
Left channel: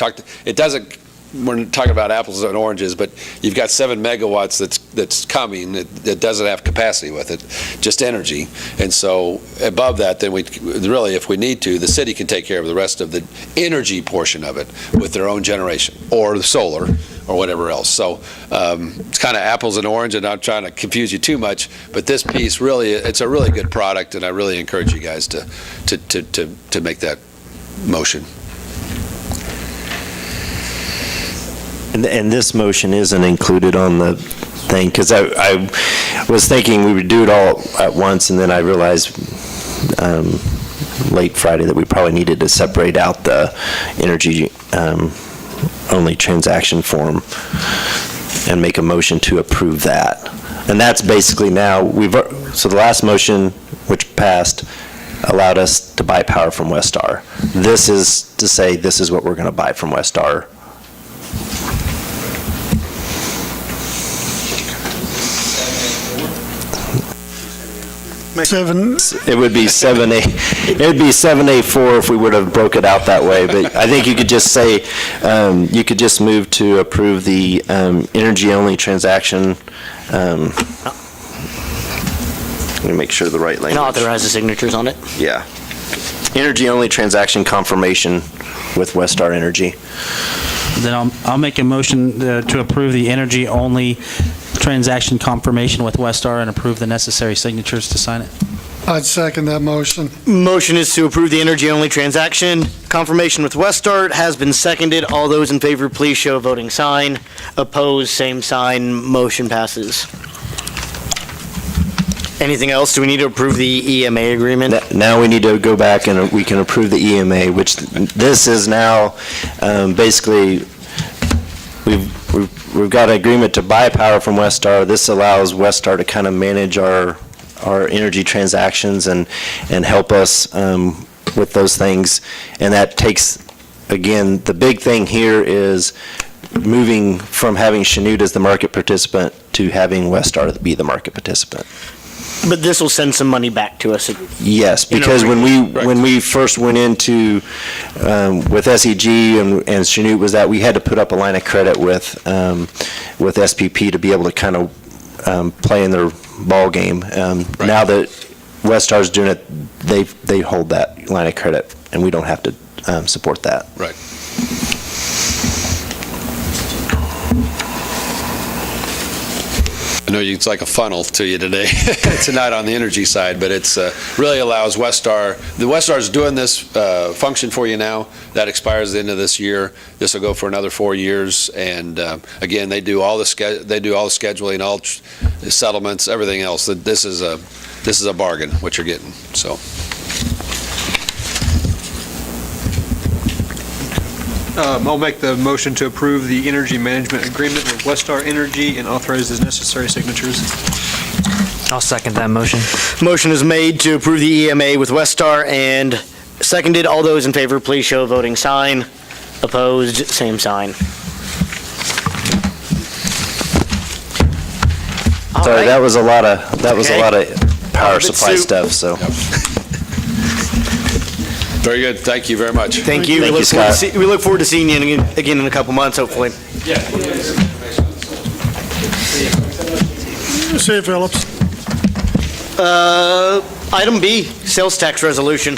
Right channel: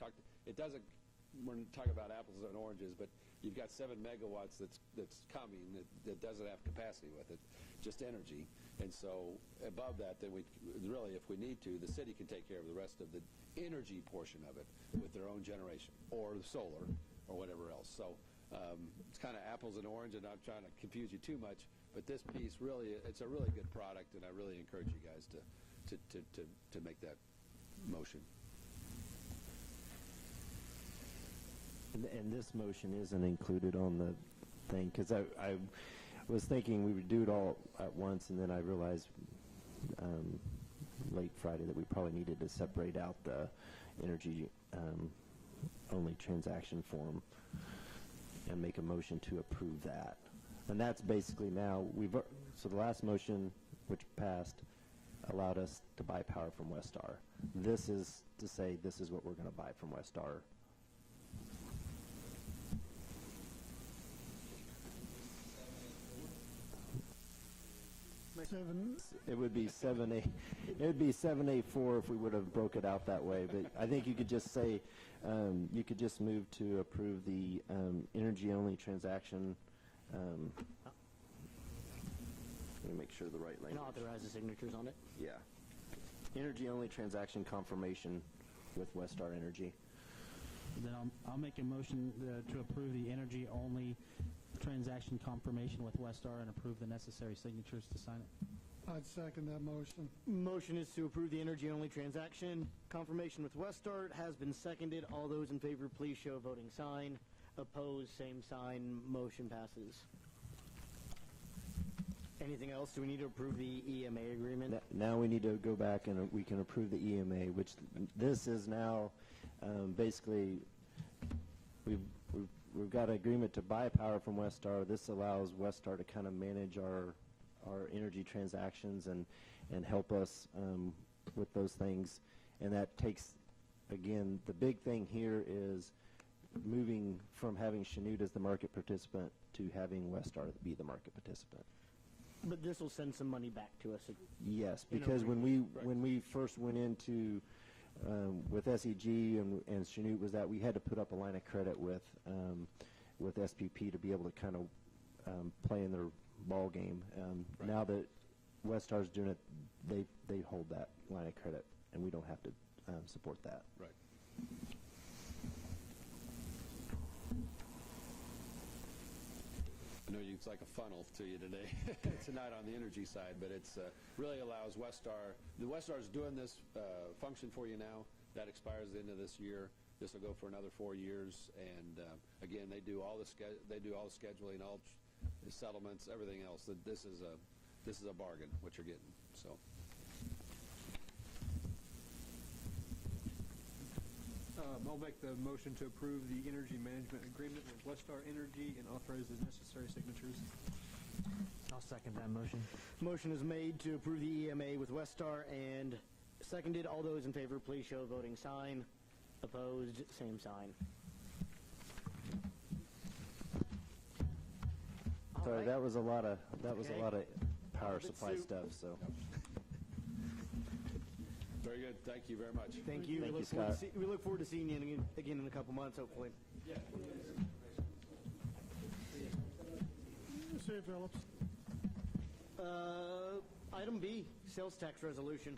talking about apples and oranges, but you've got 7 megawatts that's coming that doesn't have capacity with it, just energy. And so above that, then we really, if we need to, the city can take care of the rest of the energy portion of it with their own generation or the solar or whatever else. So it's kind of apples and orange, and I'm trying to confuse you too much, but this piece really, it's a really good product, and I really encourage you guys to make that motion. And this motion isn't included on the thing, because I was thinking we would do it all at once, and then I realized late Friday that we probably needed to separate out the energy only transaction form and make a motion to approve that. And that's basically now, so the last motion, which passed, allowed us to buy power from Westar. This is to say this is what we're going to buy from Westar. It would be 7A. It would be 7A4 if we would have broke it out that way. But I think you could just say, you could just move to approve the energy-only transaction. Let me make sure the right language. And authorize the signatures on it. Yeah. Energy-only transaction confirmation with Westar Energy. Then I'll make a motion to approve the energy-only transaction confirmation with Westar and approve the necessary signatures to sign it. I'd second that motion. Motion is to approve the energy-only transaction confirmation with Westar. Has been seconded. All those in favor, please show a voting sign. Opposed, same sign. Motion passes. Anything else? Do we need to approve the EMA agreement? Now we need to go back and we can approve the EMA, which this is now basically we've got an agreement to buy power from Westar. This allows Westar to kind of manage our energy transactions and help us with those things. And that takes, again, the big thing here is moving from having Chanute as the market participant to having Westar be the market participant. But this will send some money back to us. Yes, because when we first went into with SEG and Chanute was that we had to put up a line of credit with SPP to be able to kind of play in their ball game. Now that Westar's doing it, they hold that line of credit, and we don't have to support that. Right. I know it's like a funnel to you today, tonight on the energy side, but it's really allows Westar, the Westar is doing this function for you now. That expires at the end of this year. This will go for another 4 years, and again, they do all the scheduling, all the settlements, everything else. This is a bargain, what you're getting, so. I'll make the motion to approve the energy management agreement with Westar Energy and authorize the necessary signatures. I'll second that motion. Motion is made to approve the EMA with Westar and seconded. All those in favor, please show a voting sign. Opposed, same sign. All Sorry, right. that was a lot of Okay. power bit supply soup. stuff, so. Very good. Thank you very much. Thank you. Thank you, Scott. We look forward to seeing you again in a couple months, hopefully. See you, Phillips. Item B, sales tax resolution.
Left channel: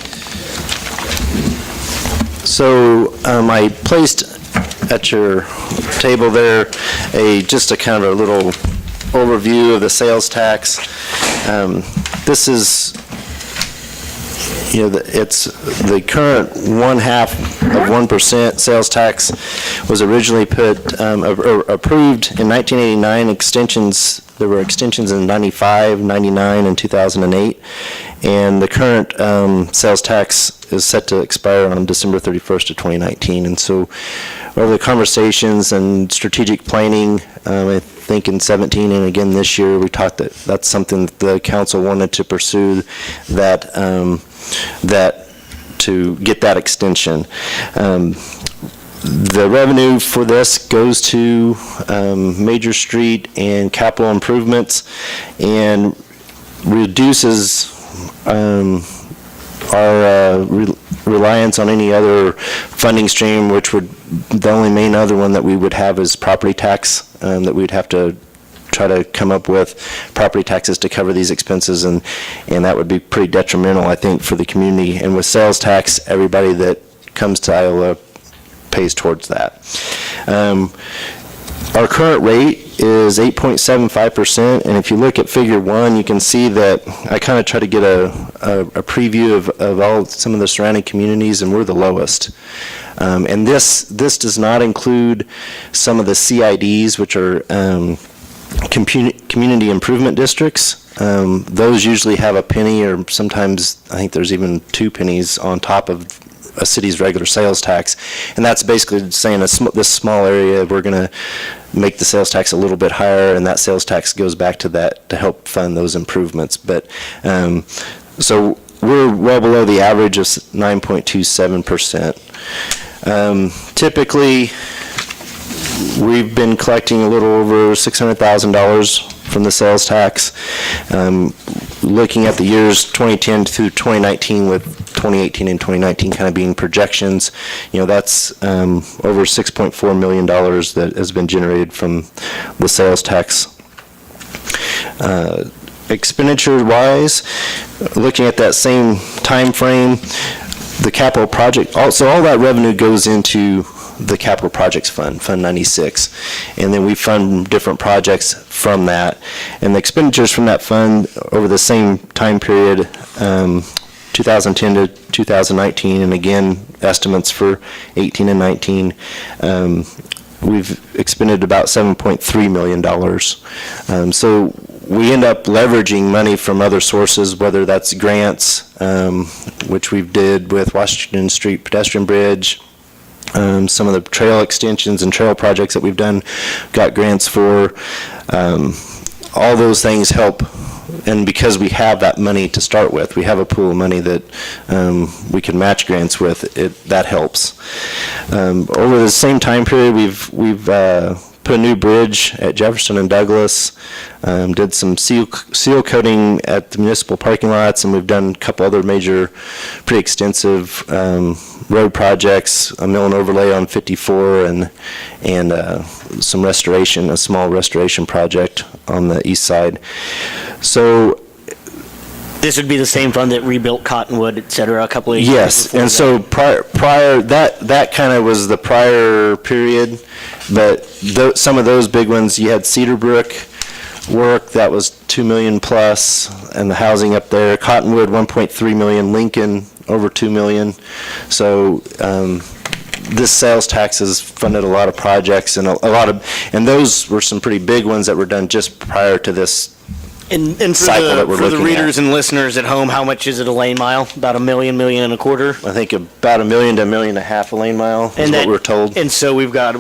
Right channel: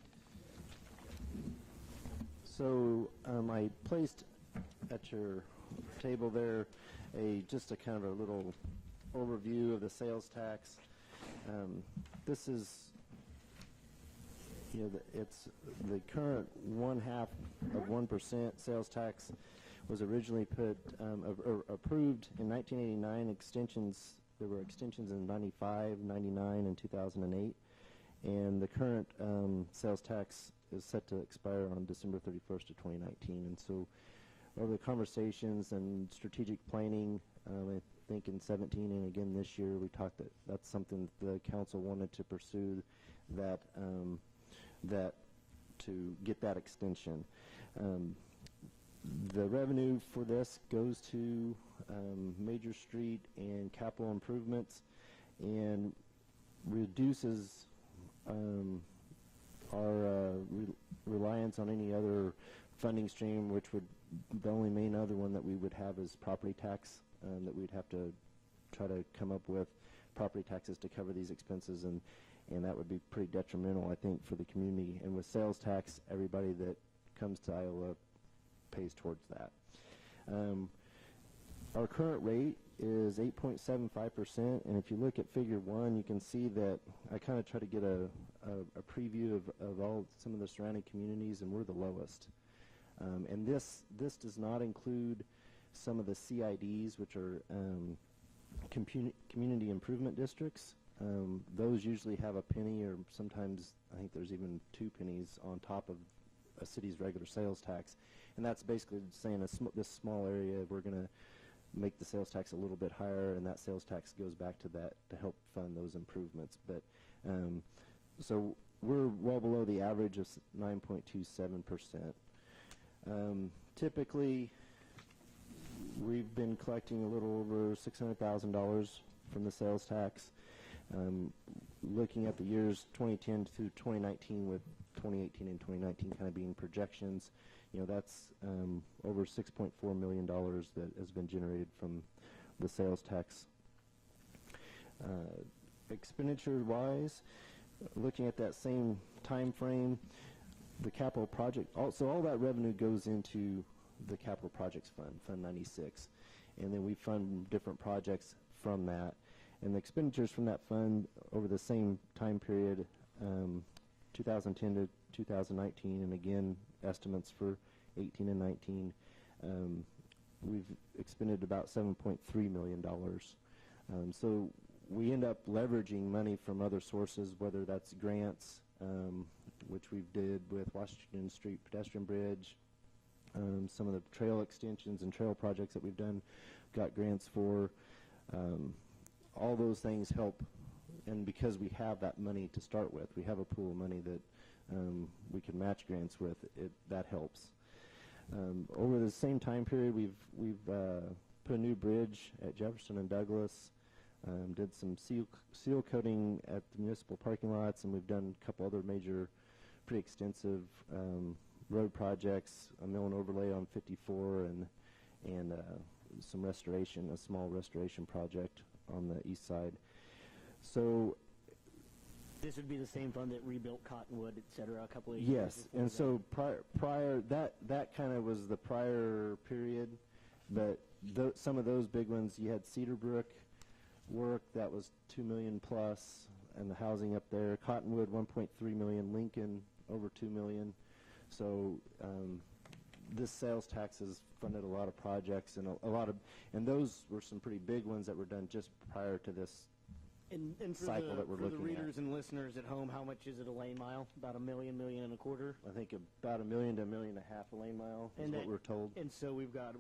So I placed at your table there just a kind of a little overview of the sales tax. This is, it's the current 0.5% sales tax was originally approved in 1989. There were extensions in 95, 99, and 2008. And the current sales tax is set to expire on December 31st of 2019. And so over the conversations and strategic planning, I think in 17 and again this year, we talked that that's something that the council wanted to pursue, that to get that extension. The revenue for this goes to major street and capital improvements and reduces our reliance on any other funding stream, which would, the only main other one that we would have is property tax, that we'd have to try to come up with property taxes to cover these expenses, and that would be pretty detrimental, I think, for the community. And with sales tax, everybody that comes to Iola pays towards that. Our current rate is 8.75%, and if you look at Figure 1, you can see that I kind of try to get a preview of some of the surrounding communities, and we're the lowest. And this does not include some of the CIDs, which are community improvement districts. Those usually have a penny, or sometimes I think there's even 2 pennies on top of a city's regular sales tax, and that's basically saying this small area, we're going to make the sales tax a little bit higher, and that sales tax goes back to that to help fund those improvements. But so we're well below the average of 9.27%. Typically, we've been collecting a little over $600,000 from the sales tax. Looking at the years 2010 through 2019, with 2018 and 2019 kind of being projections, that's over $6.4 million that has been generated from the sales tax. Expenditure-wise, looking at that same time frame, the capital project, so all that revenue goes into the Capital Projects Fund, Fund 96, and then we fund different projects from that. And the expenditures from that fund over the same time period, 2010 to 2019, and again, estimates for 18 and 19, we've expended about $7.3 million. So we end up leveraging money from other sources, whether that's grants, which we did with Washington Street Pedestrian Bridge, some of the trail extensions and trail projects that we've done, got grants for. All those things help, and because we have that money to start with, we have a pool of money that we can match grants with, that helps. Over the same time period, we've put a new bridge at Jefferson and Douglas, did some seal coating at the municipal parking lots, and we've done a couple other major, pretty extensive road projects, a mill and overlay on 54, and some restoration, a small restoration project on the east side. So This would be the same fund that rebuilt Cottonwood, et cetera, a couple of years yes, before and that. so prior that kind of was the prior period, but some of those big ones, you had Cedar Brook, work, that was 2 million plus, and the housing up there. Cottonwood, 1.3 million. Lincoln, over 2 million. So this sales tax has funded a lot of projects, and and those were some pretty big ones that were done just prior to this. And cycle that we're for the looking readers at. and listeners at home, how much is it a lane mile? About $1 million, $1.25 million? I think about $1 million to $1.5 million a lane mile is what we're told. And so we've got,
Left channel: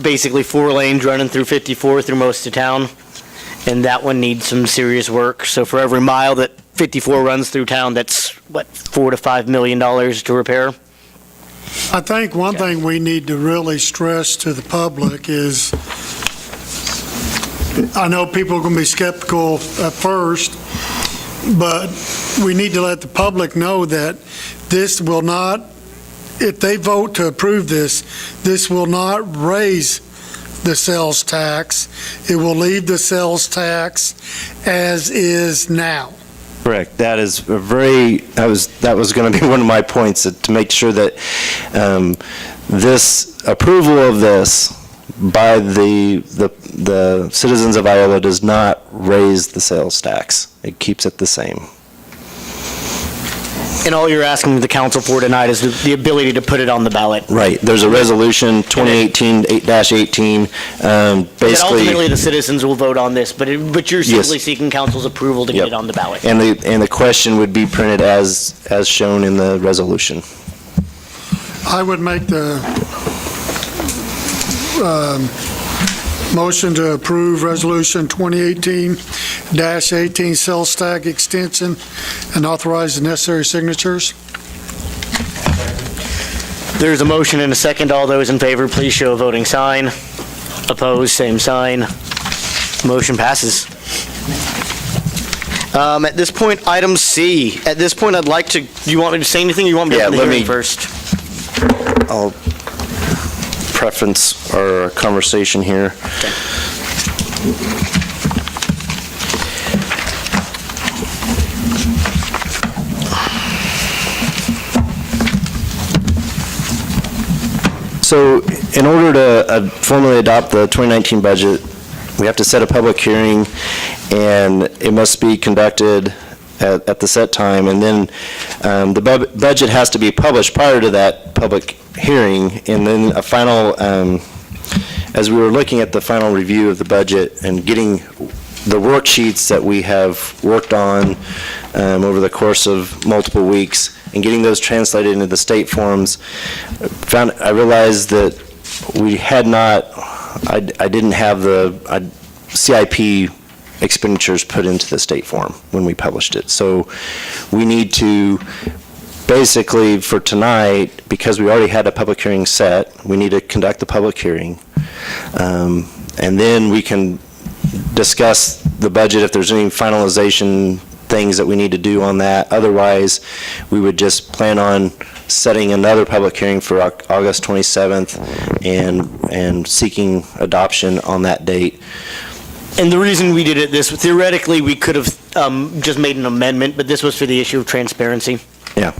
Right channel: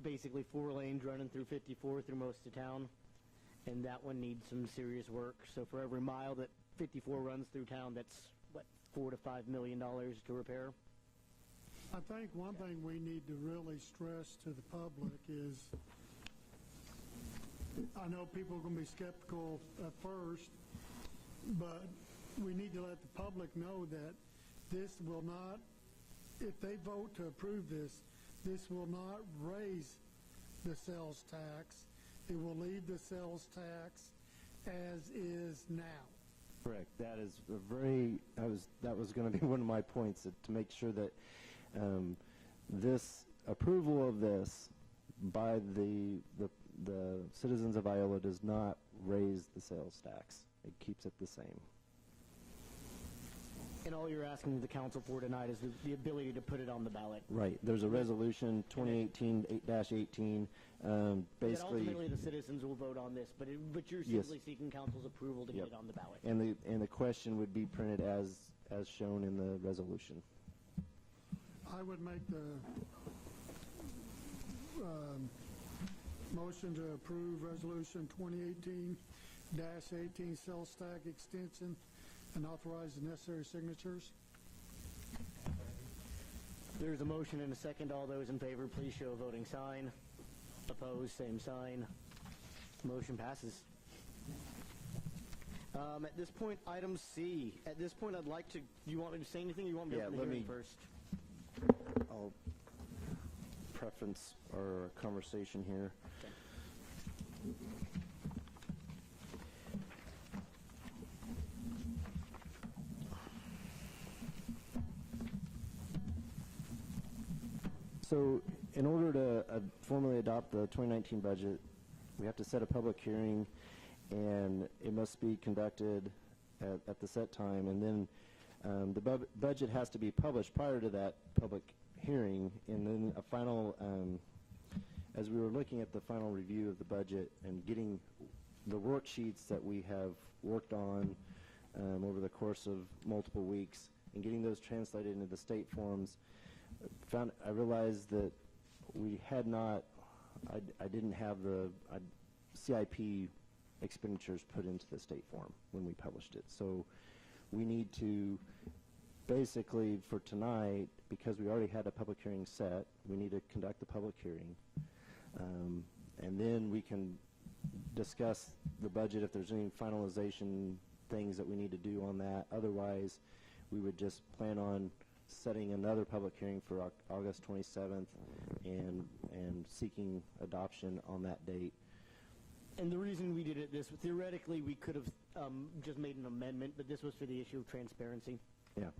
basically 4 lanes running through 54 through most of town, and that one needs some serious work. So for every mile that 54 runs through town, that's, $4 to $5 million to repair? I think one thing we need to really stress to the public is, I know people are going to be skeptical at first, but we need to let the public know that this will not, if they vote to approve this, this will not raise the sales tax. It will leave the sales tax as is now. Correct. That is that was going to be one of my points, to make sure that this approval of this by the citizens of Iola does not raise the sales tax. It keeps it the same. And all you're asking the council for tonight is the ability to put it on the ballot. Right. There's a resolution, 2018-8-18, And basically. ultimately, the citizens will vote on this, but you're Yes. simply seeking council's approval to get it on the ballot. And the question would be printed as shown in the resolution. I would make the motion to approve Resolution 2018-18 sales tax extension and authorize the necessary signatures. There's a motion and a second. All those in favor, please show a voting sign. Opposed, same sign. Motion passes. At this point, item C. At this point, I'd like to, do you want me to say anything, or you want me to open the hearing first? I'll preference our conversation here. So in order to formally adopt the 2019 budget, we have to set a public hearing, and it must be conducted at the set time, and then the budget has to be published prior to that public hearing, and then a final, as we were looking at the final review of the budget and getting the worksheets that we have worked on over the course of multiple weeks, and getting those translated into the state forms, I realized that we had not, I didn't have the CIP expenditures put into the state form when we published it. So we need to, basically for tonight, because we already had a public hearing set, we need to conduct the public hearing. And then we can discuss the budget if there's any finalization things that we need to do on that. Otherwise, we would just plan on setting another public hearing for August 27th and seeking adoption on that date. And the reason we did it this, theoretically, we could have just made an amendment, but this was for the issue of transparency. Yeah.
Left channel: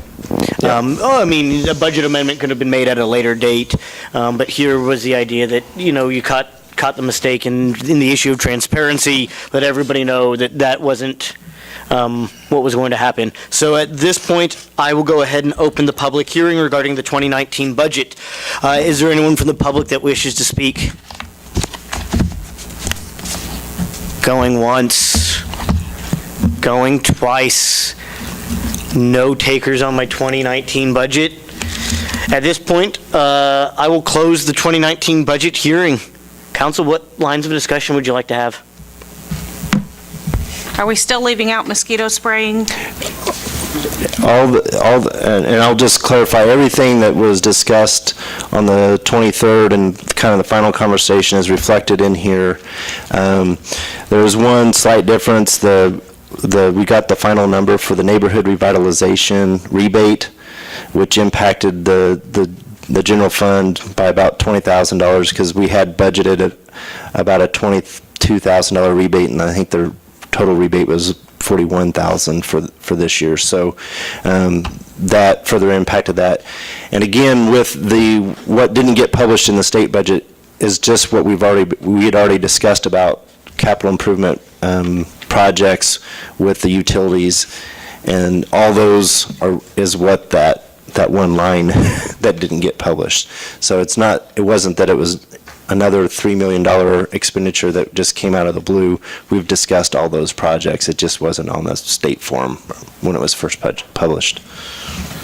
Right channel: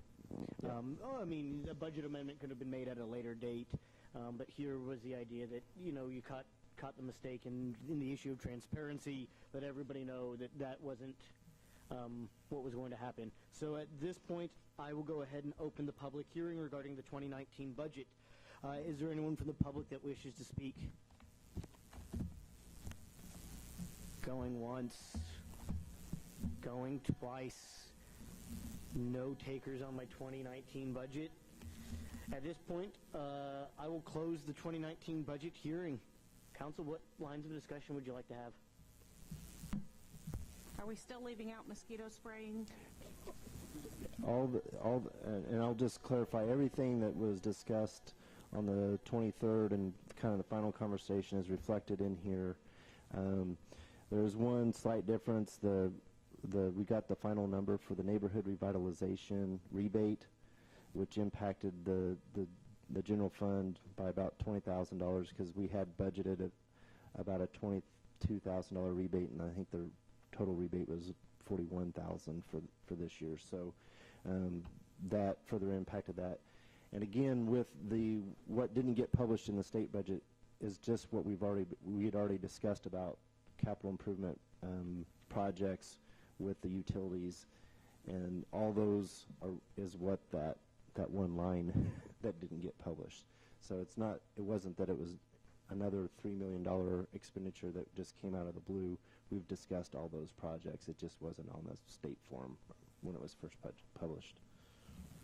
I mean, a budget amendment could have been made at a later date, but here was the idea that, you caught the mistake in the issue of transparency, let everybody know that that wasn't what was going to happen. So at this point, I will go ahead and open the public hearing regarding the 2019 budget. Is there anyone from the public that wishes to speak? Going once, going twice. No takers on my 2019 budget. At this point, I will close the 2019 budget hearing. Council, what lines of discussion would you like to have? Are we still leaving out mosquito spraying? And I'll just clarify, everything that was discussed on the 23rd and kind of the final conversation is reflected in here. There was one slight difference. We got the final number for the neighborhood revitalization rebate, which impacted the general fund by about $20,000, because we had budgeted about a $22,000 rebate, and I think the total rebate was $41,000 for this year. So that further impacted that. And again, with what didn't get published in the state budget is just what we had already discussed about capital improvement projects with the utilities, and all those is what that one line that didn't get published. So it wasn't that it was another $3 million expenditure that just came out of the blue. We've discussed all those projects. It just wasn't on the state form when it was first published.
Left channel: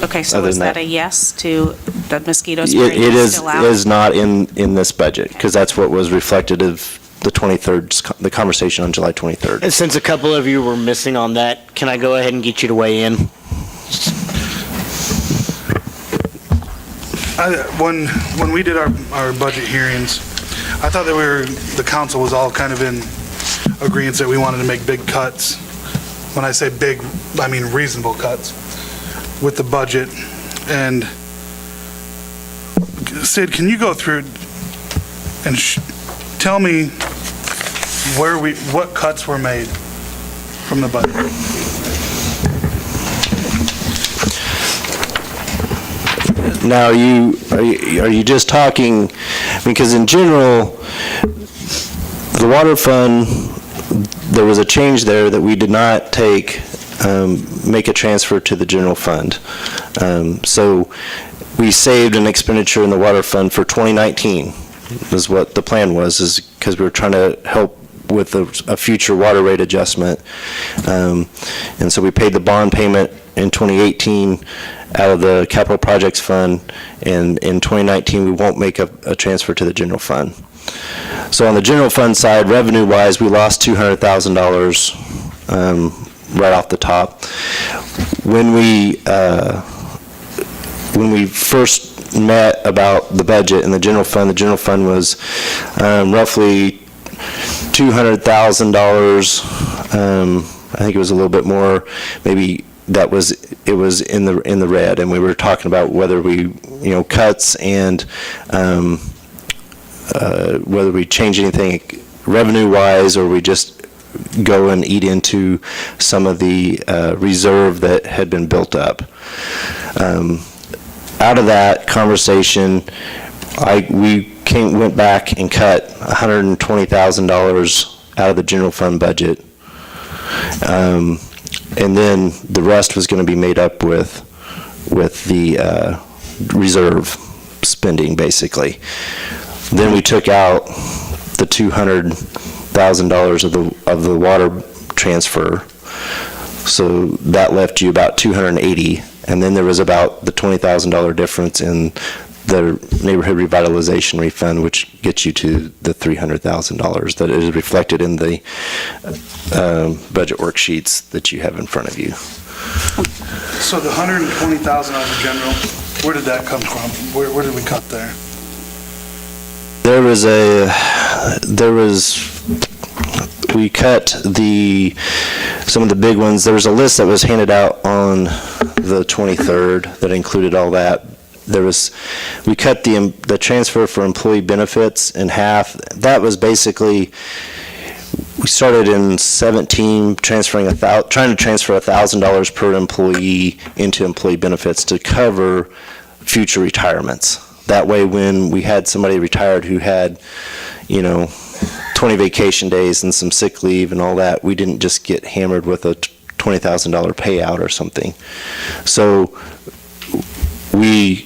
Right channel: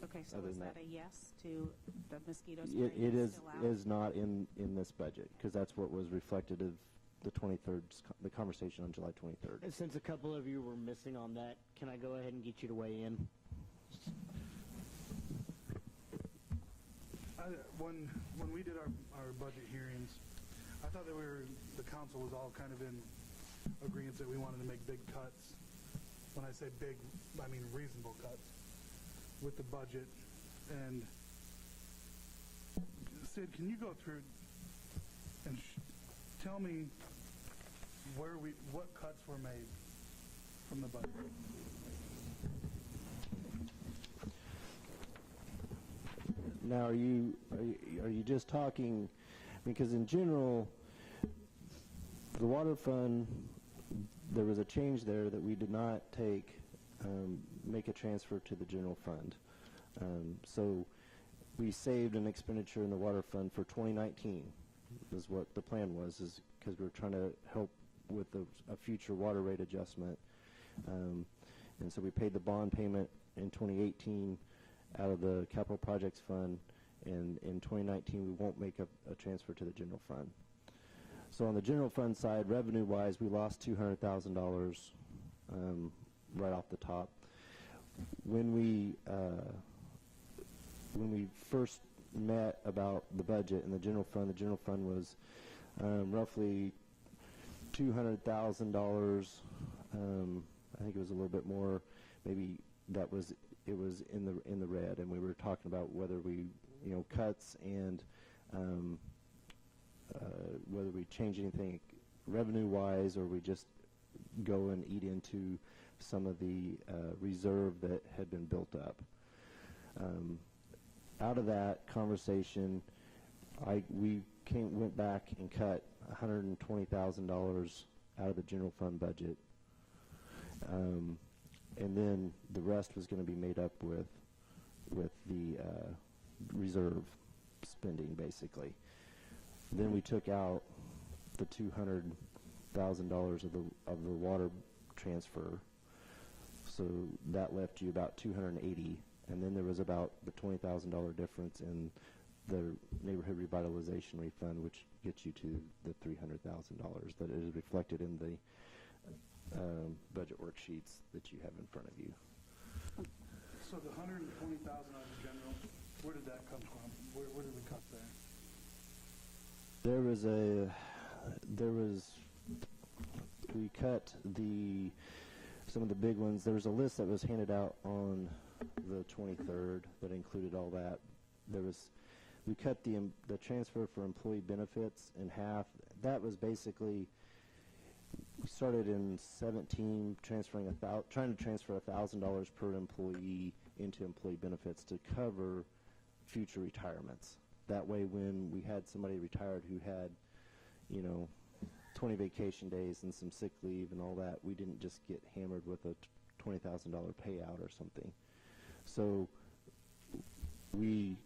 Okay, so Other is than that that- a yes to the mosquito It spraying it is still out? is not in this budget, because that's what was reflected of the 23rd, the conversation on July 23rd. And since a couple of you were missing on that, can I go ahead and get you to weigh in? When we did our budget hearings, I thought that the council was all kind of in agreement that we wanted to make big cuts. When I say big, I mean reasonable cuts with the budget. And Sid, can you go through and tell me what cuts were made from the budget? Now, are you just talking, because in general, the water fund, there was a change there that we did not make a transfer to the general fund. So we saved an expenditure in the water fund for 2019, is what the plan was, is because we were trying to help with a future water rate adjustment. And so we paid the bond payment in 2018 out of the capital projects fund, and in 2019 we won't make a transfer to the general fund. So on the general fund side, revenue-wise, we lost $200,000 right off the top. When we first met about the budget and the general fund was roughly $200,000. I think it was a little bit more, maybe. It was in the red, and we were talking about whether we, cuts and whether we change anything revenue-wise, or we just go and eat into some of the reserve that had been built up. Out of that conversation, we went back and cut $120,000 out of the general fund budget. And then the rest was going to be made up with the reserve spending, basically. Then we took out the $200,000 of the water transfer, so that left you about $280,000. And then there was about the $20,000 difference in the neighborhood revitalization refund, which gets you to the $300,000 that is reflected in the budget worksheets that you have in front of you. So the $120,000 out of general, where did that come from? Where did we cut there? We cut some of the big ones. There was a list that was handed out on the 23rd that included all that. We cut the transfer for employee benefits in half. That was basically, we started in 17 trying to transfer $1,000 per employee into employee benefits to cover future retirements. That way, when we had somebody retired who had, 20 vacation days and some sick leave and all that, we didn't just get hammered with a $20,000 payout or something. So we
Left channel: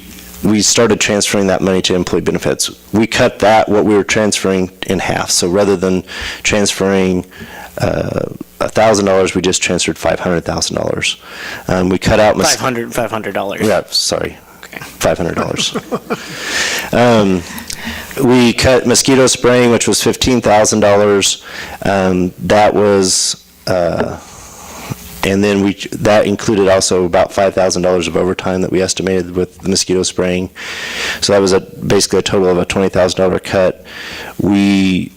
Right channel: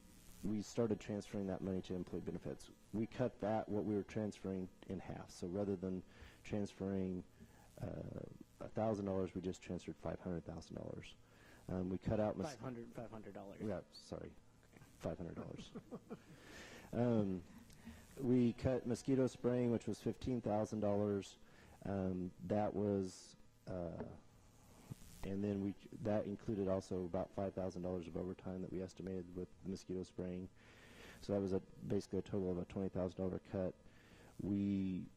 started transferring that money to employee benefits. We cut what we were transferring in half. So rather than transferring $1,000, we just transferred $500,000. We cut out $500. Yeah, sorry. Okay. $500. We cut mosquito spraying, which was $15,000. That was, and then that included also about $5,000 of overtime that we estimated with the mosquito spraying. So that was basically a total of a $20,000 cut. We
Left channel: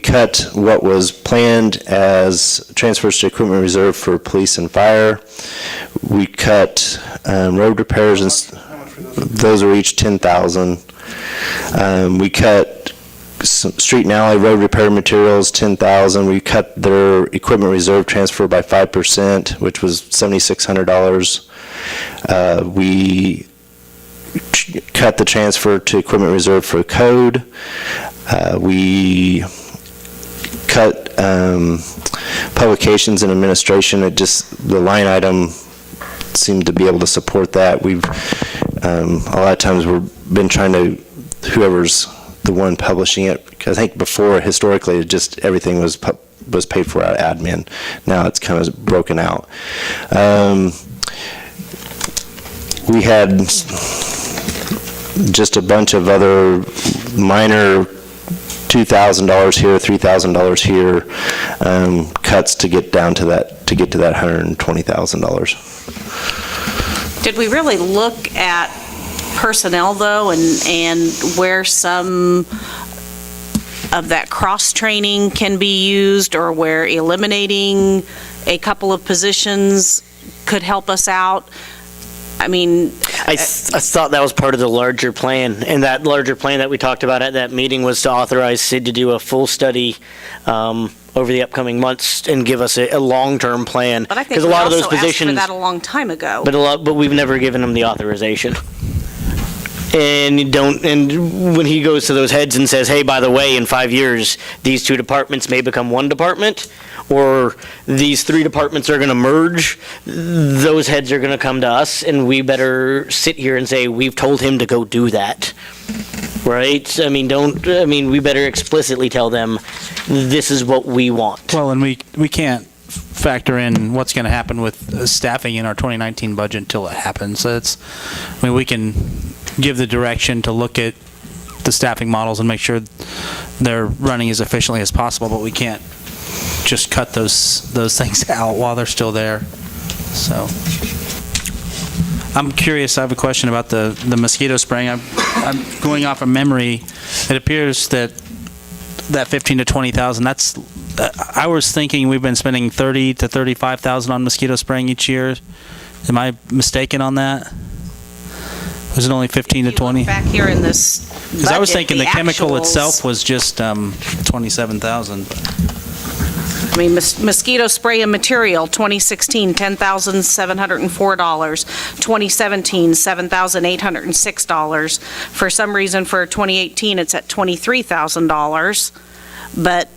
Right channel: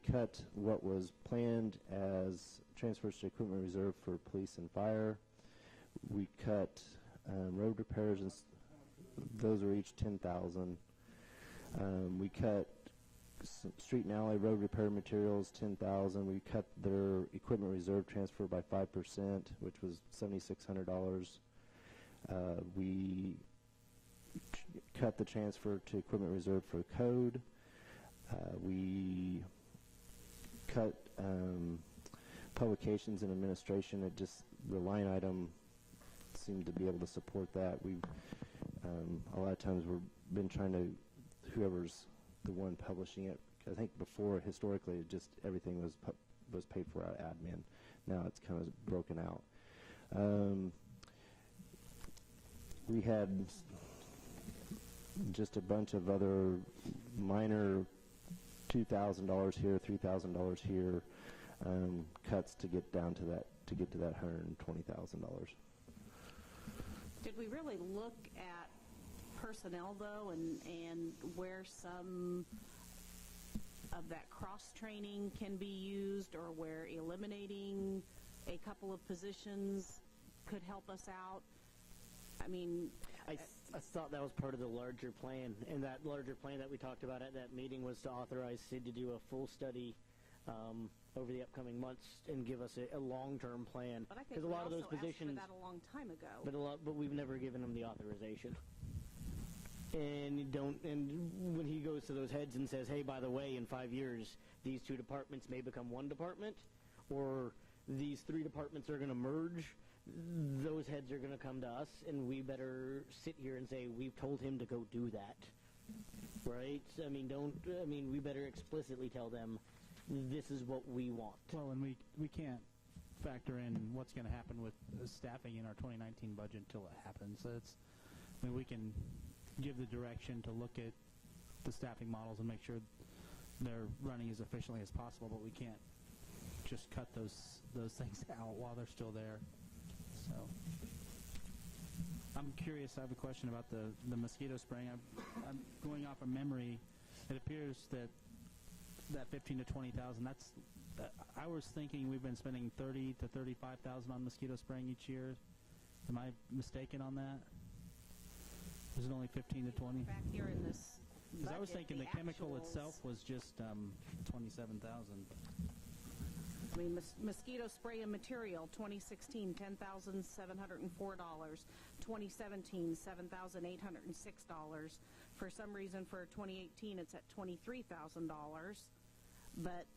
cut what was planned as transfers to equipment reserve for police and fire. We cut road repairs, and those are each $10,000. We cut street and alley road repair materials, $10,000. We cut their equipment reserve transfer by 5%, which was $7,600. We cut the transfer to equipment reserve for code. We cut publications and administration, the line item seemed to be able to support that. We've, a lot of times we've been trying to, whoever's the one publishing it, because I think before, historically, everything was paid for out of admin. Now it's kind of broken out. We had just a bunch of other minor $2,000 here, $3,000 here, cuts to get down to that, to get to that $120,000. Did we really look at personnel, though, and where some of that cross-training can be used, or where eliminating a couple of positions could help us out? I mean, I thought that was part of the larger plan, and that larger plan that we talked about at that meeting was to authorize Sid to do a full study over the upcoming months and give us a long-term plan. but I think Because a we lot of those also asked for positions, that a long time ago. but we've never given him the authorization. And when he goes to those heads and says, hey, by the way, in 5 years, these 2 departments may become 1 department, or these 3 departments are going to merge, those heads are going to come to us, and we better sit here and say, we've told him to go do that. Right? I mean, we better explicitly tell them, this is what we want. Well, and we can't factor in what's going to happen with staffing in our 2019 budget until it happens. So we can give the direction to look at the staffing models and make sure they're running as efficiently as possible, but we can't just cut those things out while they're still there. So I'm curious, I have a question about the mosquito spraying. I'm going off of memory. It appears that 15 to 20,000, I was thinking we've been spending 30 to 35,000 on mosquito spraying each year. Am I mistaken on that? Was it only 15 to 20? Back here in this Because I was thinking the chemical actuals- itself was just 27,000. I mean, mosquito spray and material, 2016, $10,704. 2017, $7,806. For some reason, for 2018, it's at $23,000. But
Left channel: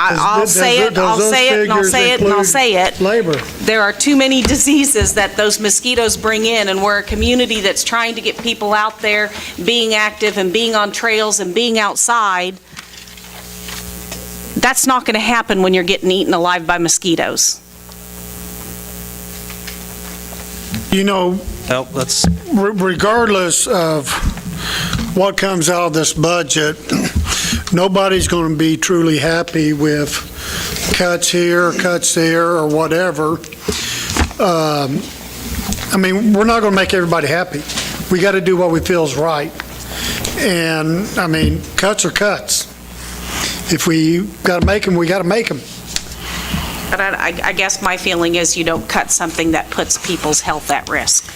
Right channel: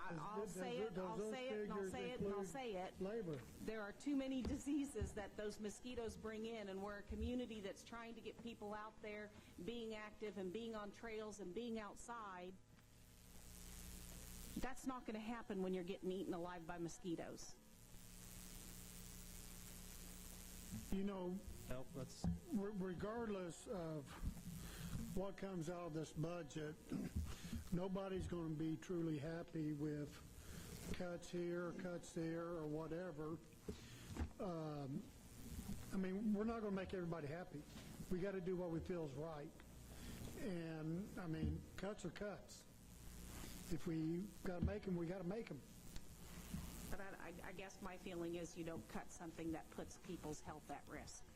I'll say it, I'll say it, and I'll say it, and I'll say it. Labor. There are too many diseases that those mosquitoes bring in, and we're a community that's trying to get people out there, being active and being on trails and being outside. That's not going to happen when you're getting eaten alive by mosquitoes. You know, Well, let's, regardless of what comes out of this budget, nobody's going to be truly happy with cuts here, cuts there, or whatever. I mean, we're not going to make everybody happy. We got to do what we feel is right. And, I mean, cuts are cuts. If we got to make them, we got to make them. But I guess my feeling is you don't cut something that puts people's health at risk.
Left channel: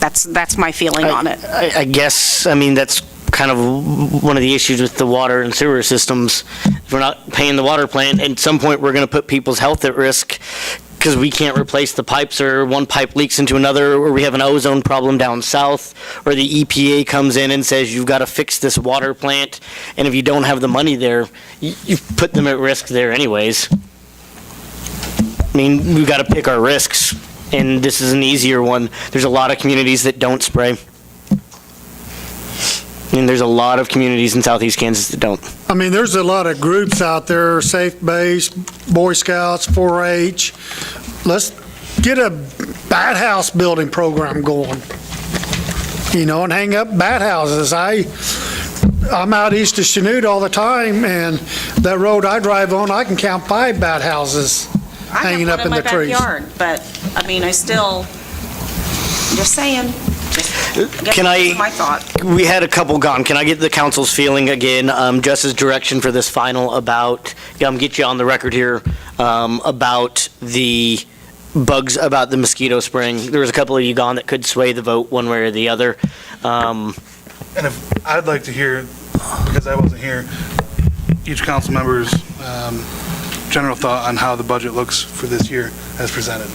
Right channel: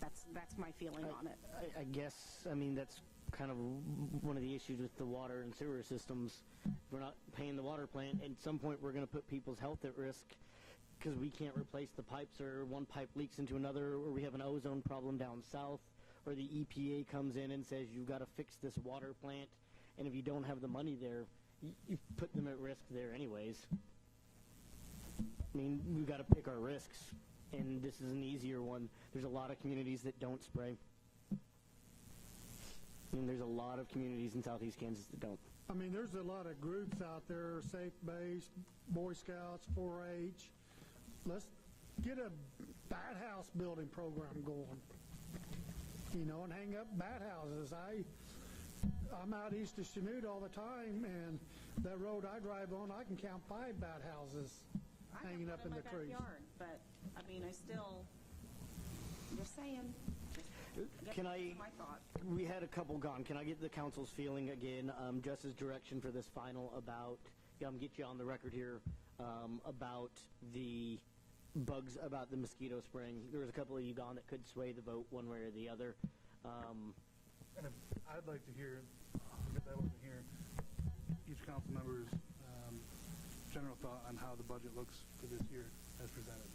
That's my feeling on it. I guess, I mean, that's kind of one of the issues with the water and sewer systems. If we're not paying the water plant, at some point, we're going to put people's health at risk because we can't replace the pipes, or one pipe leaks into another, or we have an ozone problem down south, or the EPA comes in and says, you've got to fix this water plant, and if you don't have the money there, you put them at risk there anyways. I mean, we've got to pick our risks, and this is an easier one. There's a lot of communities that don't spray. I mean, there's a lot of communities in southeast Kansas that don't. I mean, there's a lot of groups out there, Safe Base, Boy Scouts, 4-H. Let's get a bat house building program going, you know, and hang up bat houses. I'm out east of Chanute all the time, and that road I drive on, I can count 5 bat houses hanging up in the trees. I have one in my backyard, but, I mean, I still, just saying. Can I- My thought. We had a couple gone. Can I get the council's feeling again, just as direction for this final about, get you on the record here, about the bugs, about the mosquito spraying? There was a couple of you gone that could sway the vote one way or the other. And if, I'd like to hear, because I wasn't here, each council member's general thought on how the budget looks for this year as presented.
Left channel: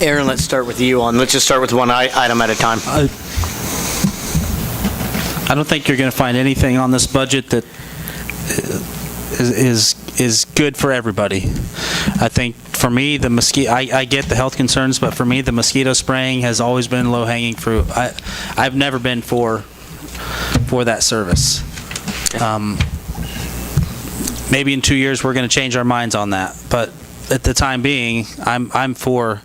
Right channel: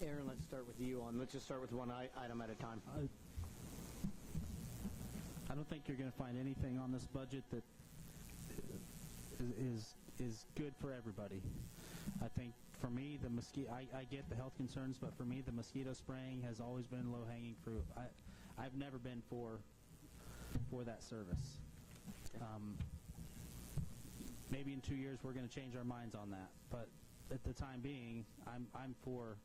Aaron, let's start with you let's just start with one item at a time. I don't think you're going to find anything on this budget that is good for everybody. I think for me, the mosquito, I get the health concerns, but for me, the mosquito spraying has always been low-hanging fruit. I've never been for that service. Maybe in 2 years, we're going to change our minds on that, but at the time being, I'm for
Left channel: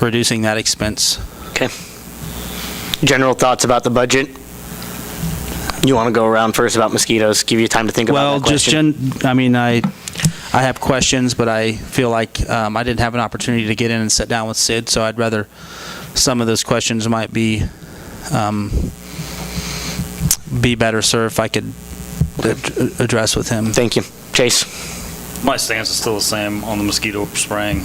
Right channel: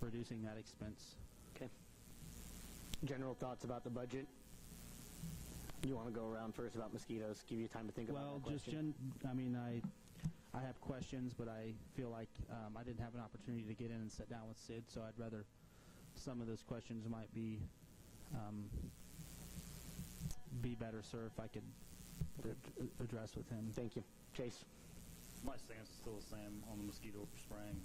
reducing that expense. Okay. General thoughts about the budget? You want to go around first about mosquitoes, give you time to think about that question? I have questions, but I feel like I didn't have an opportunity to get in and sit down with Sid, so I'd rather some of those questions might be better served if I could address with him. Thank you. Chase? My stance is still the same on the mosquito spraying.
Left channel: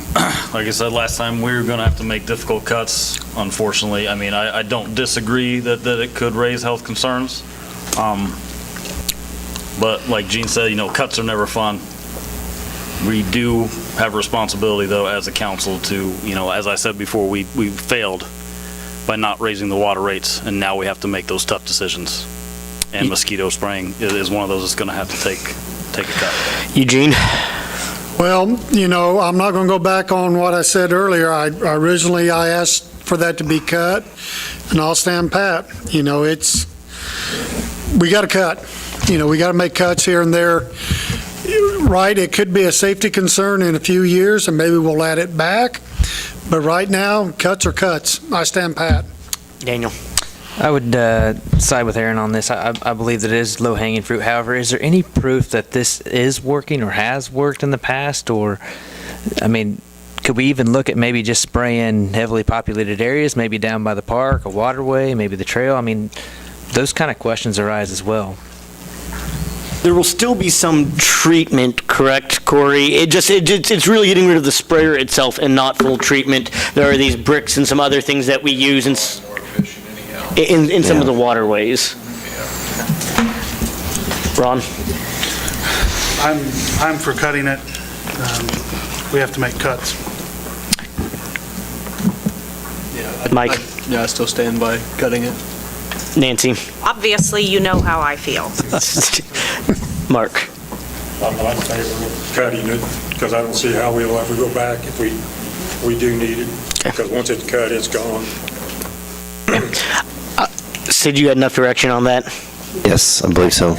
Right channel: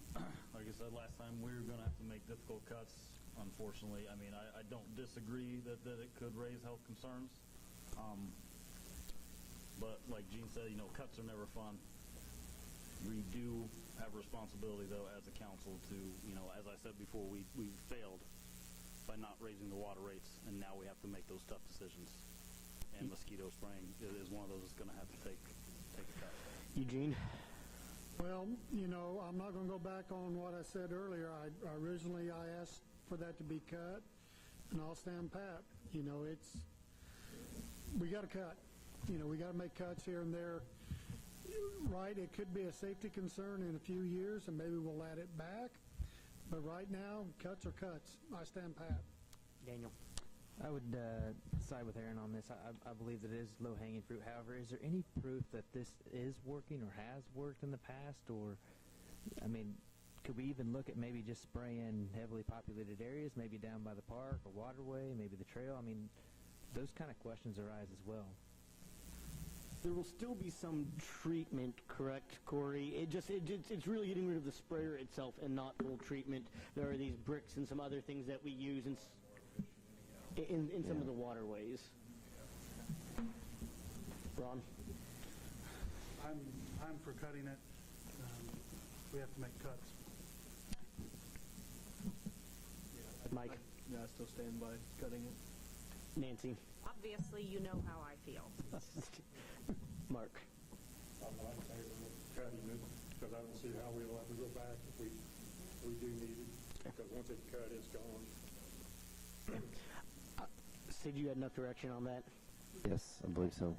Like I said last time, we're going to have to make difficult cuts, unfortunately. I mean, I don't disagree that it could raise health concerns. But like Gene said, cuts are never fun. We do have a responsibility, though, as a council to, as I said before, we failed by not raising the water rates, and now we have to make those tough decisions. And mosquito spraying is one of those that's going to have to take a cut. Eugene? Well, I'm not going to go back on what I said earlier. Originally, I asked for that to be cut, and I'll stand pat. We got to cut. We got to make cuts here and there. Right, it could be a safety concern in a few years, and maybe we'll add it back. But right now, cuts are cuts. I stand pat. Daniel? I would side with Aaron on this. I believe that it is low-hanging fruit. However, is there any proof that this is working or has worked in the past? Or, could we even look at maybe just spraying heavily populated areas, maybe down by the park, a waterway, maybe the trail? Those kind of questions arise as well. There will still be some treatment, correct, Corey? It's really getting rid of the sprayer itself and not full treatment. There are these bricks and some other things that we use in some of the waterways. Ron? I'm for cutting it. We have to make cuts. Mike? I still stand by cutting it. Nancy? Obviously, you know how I feel. Mark? I'm not in favor of cutting it, because I don't see how we'll ever go back if we do need it. Because once it's cut, it's gone. Sid, you had enough direction on that? Yes, I believe so.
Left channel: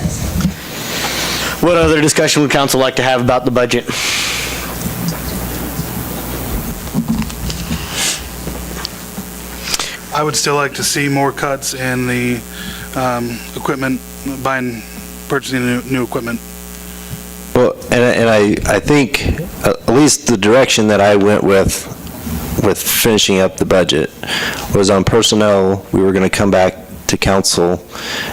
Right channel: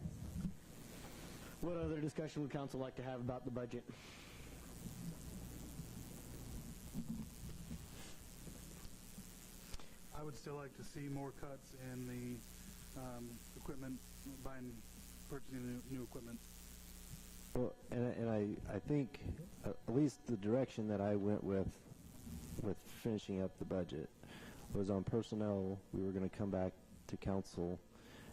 What other discussion would council like to have about the budget? I would still like to see more cuts in the equipment, purchasing new equipment. Well, and I think at least the direction that I went with finishing up the budget was on personnel. We were going to come back to council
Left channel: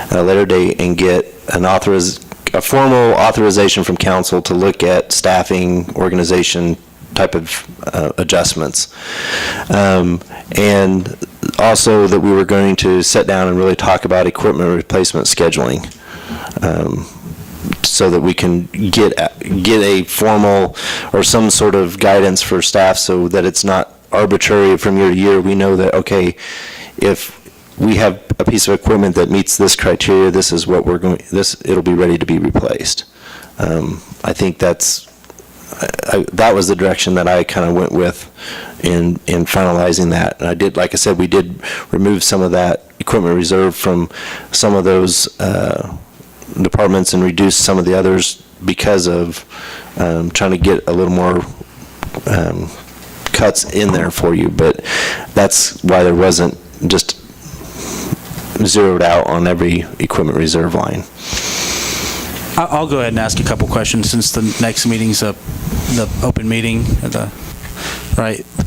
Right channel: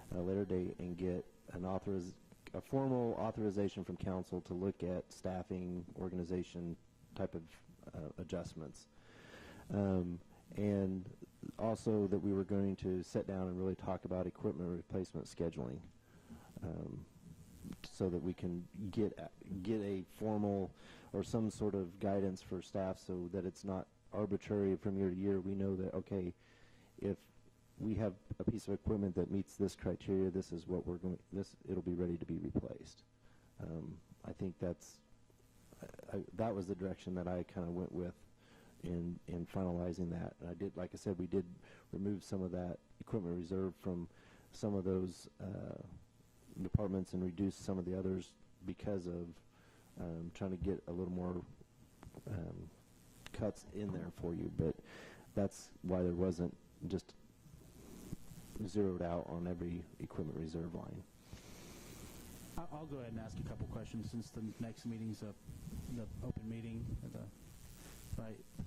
at a later date and get a formal authorization from council to look at staffing, organization type of adjustments. And also that we were going to sit down and really talk about equipment replacement scheduling, so that we can get a formal or some sort of guidance for staff, so that it's not arbitrary from year to year. We know that, okay, if we have a piece of equipment that meets this criteria, this is what it'll be ready to be replaced. I think that was the direction that I kind of went with in finalizing that. And I did, like I said, we did remove some of that equipment reserve from some of those departments and reduce some of the others because of trying to get a little more cuts in there for you. But that's why there wasn't just zeroed out on every equipment reserve line. I'll go ahead and ask a couple questions, since the next meeting's the open meeting, the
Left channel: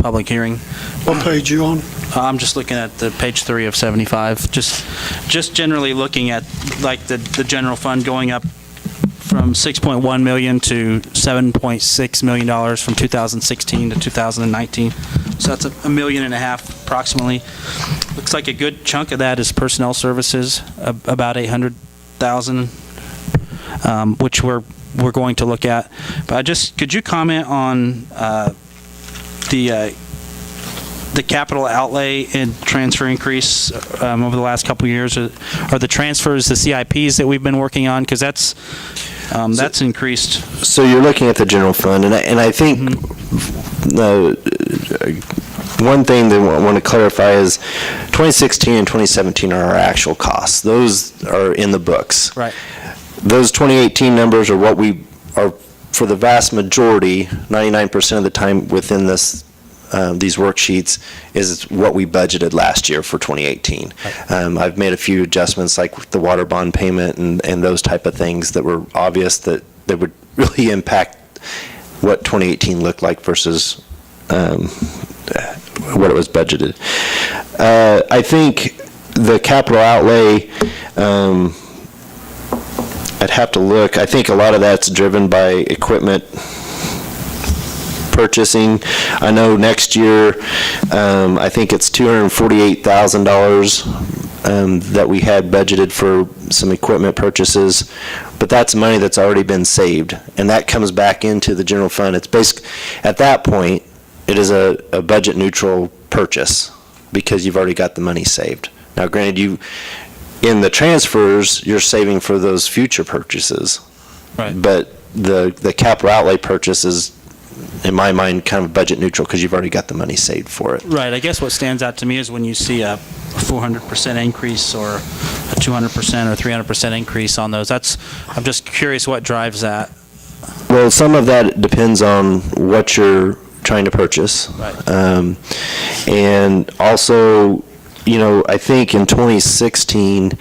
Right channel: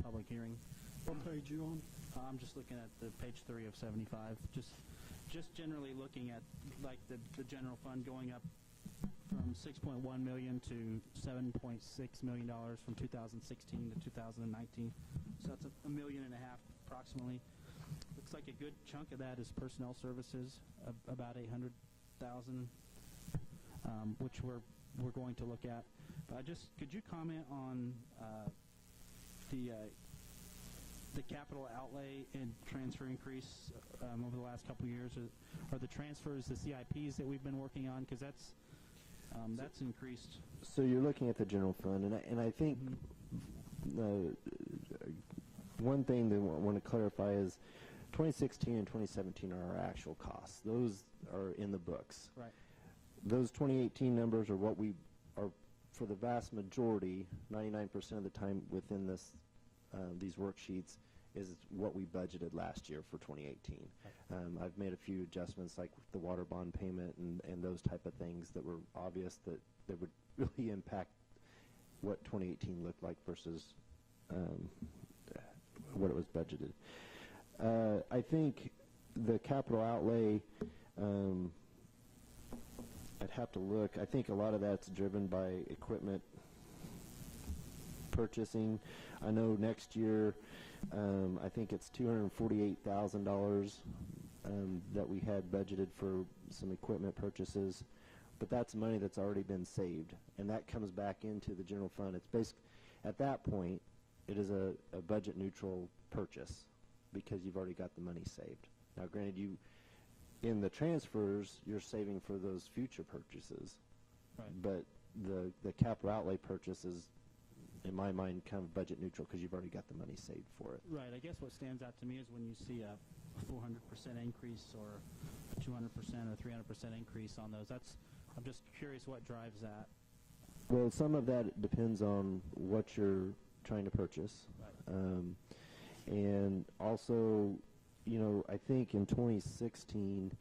public hearing. What page you on? I'm just looking at the page 3 of 75. Just generally looking at like the general fund going up from $6.1 million to $7.6 million from 2016 to 2019. So that's $1.5 million approximately. Looks like a good chunk of that is personnel services, about $800,000, which we're going to look at. But could you comment on the the capital outlay and transfer increase over the last couple of years, are the transfers, the CIPs that we've been working on? Because that's increased. So you're looking at the general fund, and I think one thing that I want to clarify is 2016 and 2017 are our actual costs. Those are in the books. Right. Those 2018 numbers are what we are, for the vast majority, 99% of the time within this, these worksheets, is what we budgeted last year for 2018. I've made a few adjustments, like the water bond payment and those type of things that were obvious that would really impact what 2018 looked like versus what it was budgeted. I think the capital outlay, I'd have to look. I think a lot of that's driven by equipment purchasing. I know next year, I think it's $248,000 that we had budgeted for some equipment purchases, but that's money that's already been saved, and that comes back into the general fund. It's at that point, it is a budget neutral purchase because you've already got the money saved. Now, granted, in the transfers, you're saving for those future purchases. Right. But the capital outlay purchase is, in my mind, kind of budget neutral because you've already got the money saved for it. Right. I guess what stands out to me is when you see a 400% increase or a 200% or 300% increase on those. I'm just curious what drives that. Well, some of that depends on what you're trying to purchase. Right. And also, I think in 2016,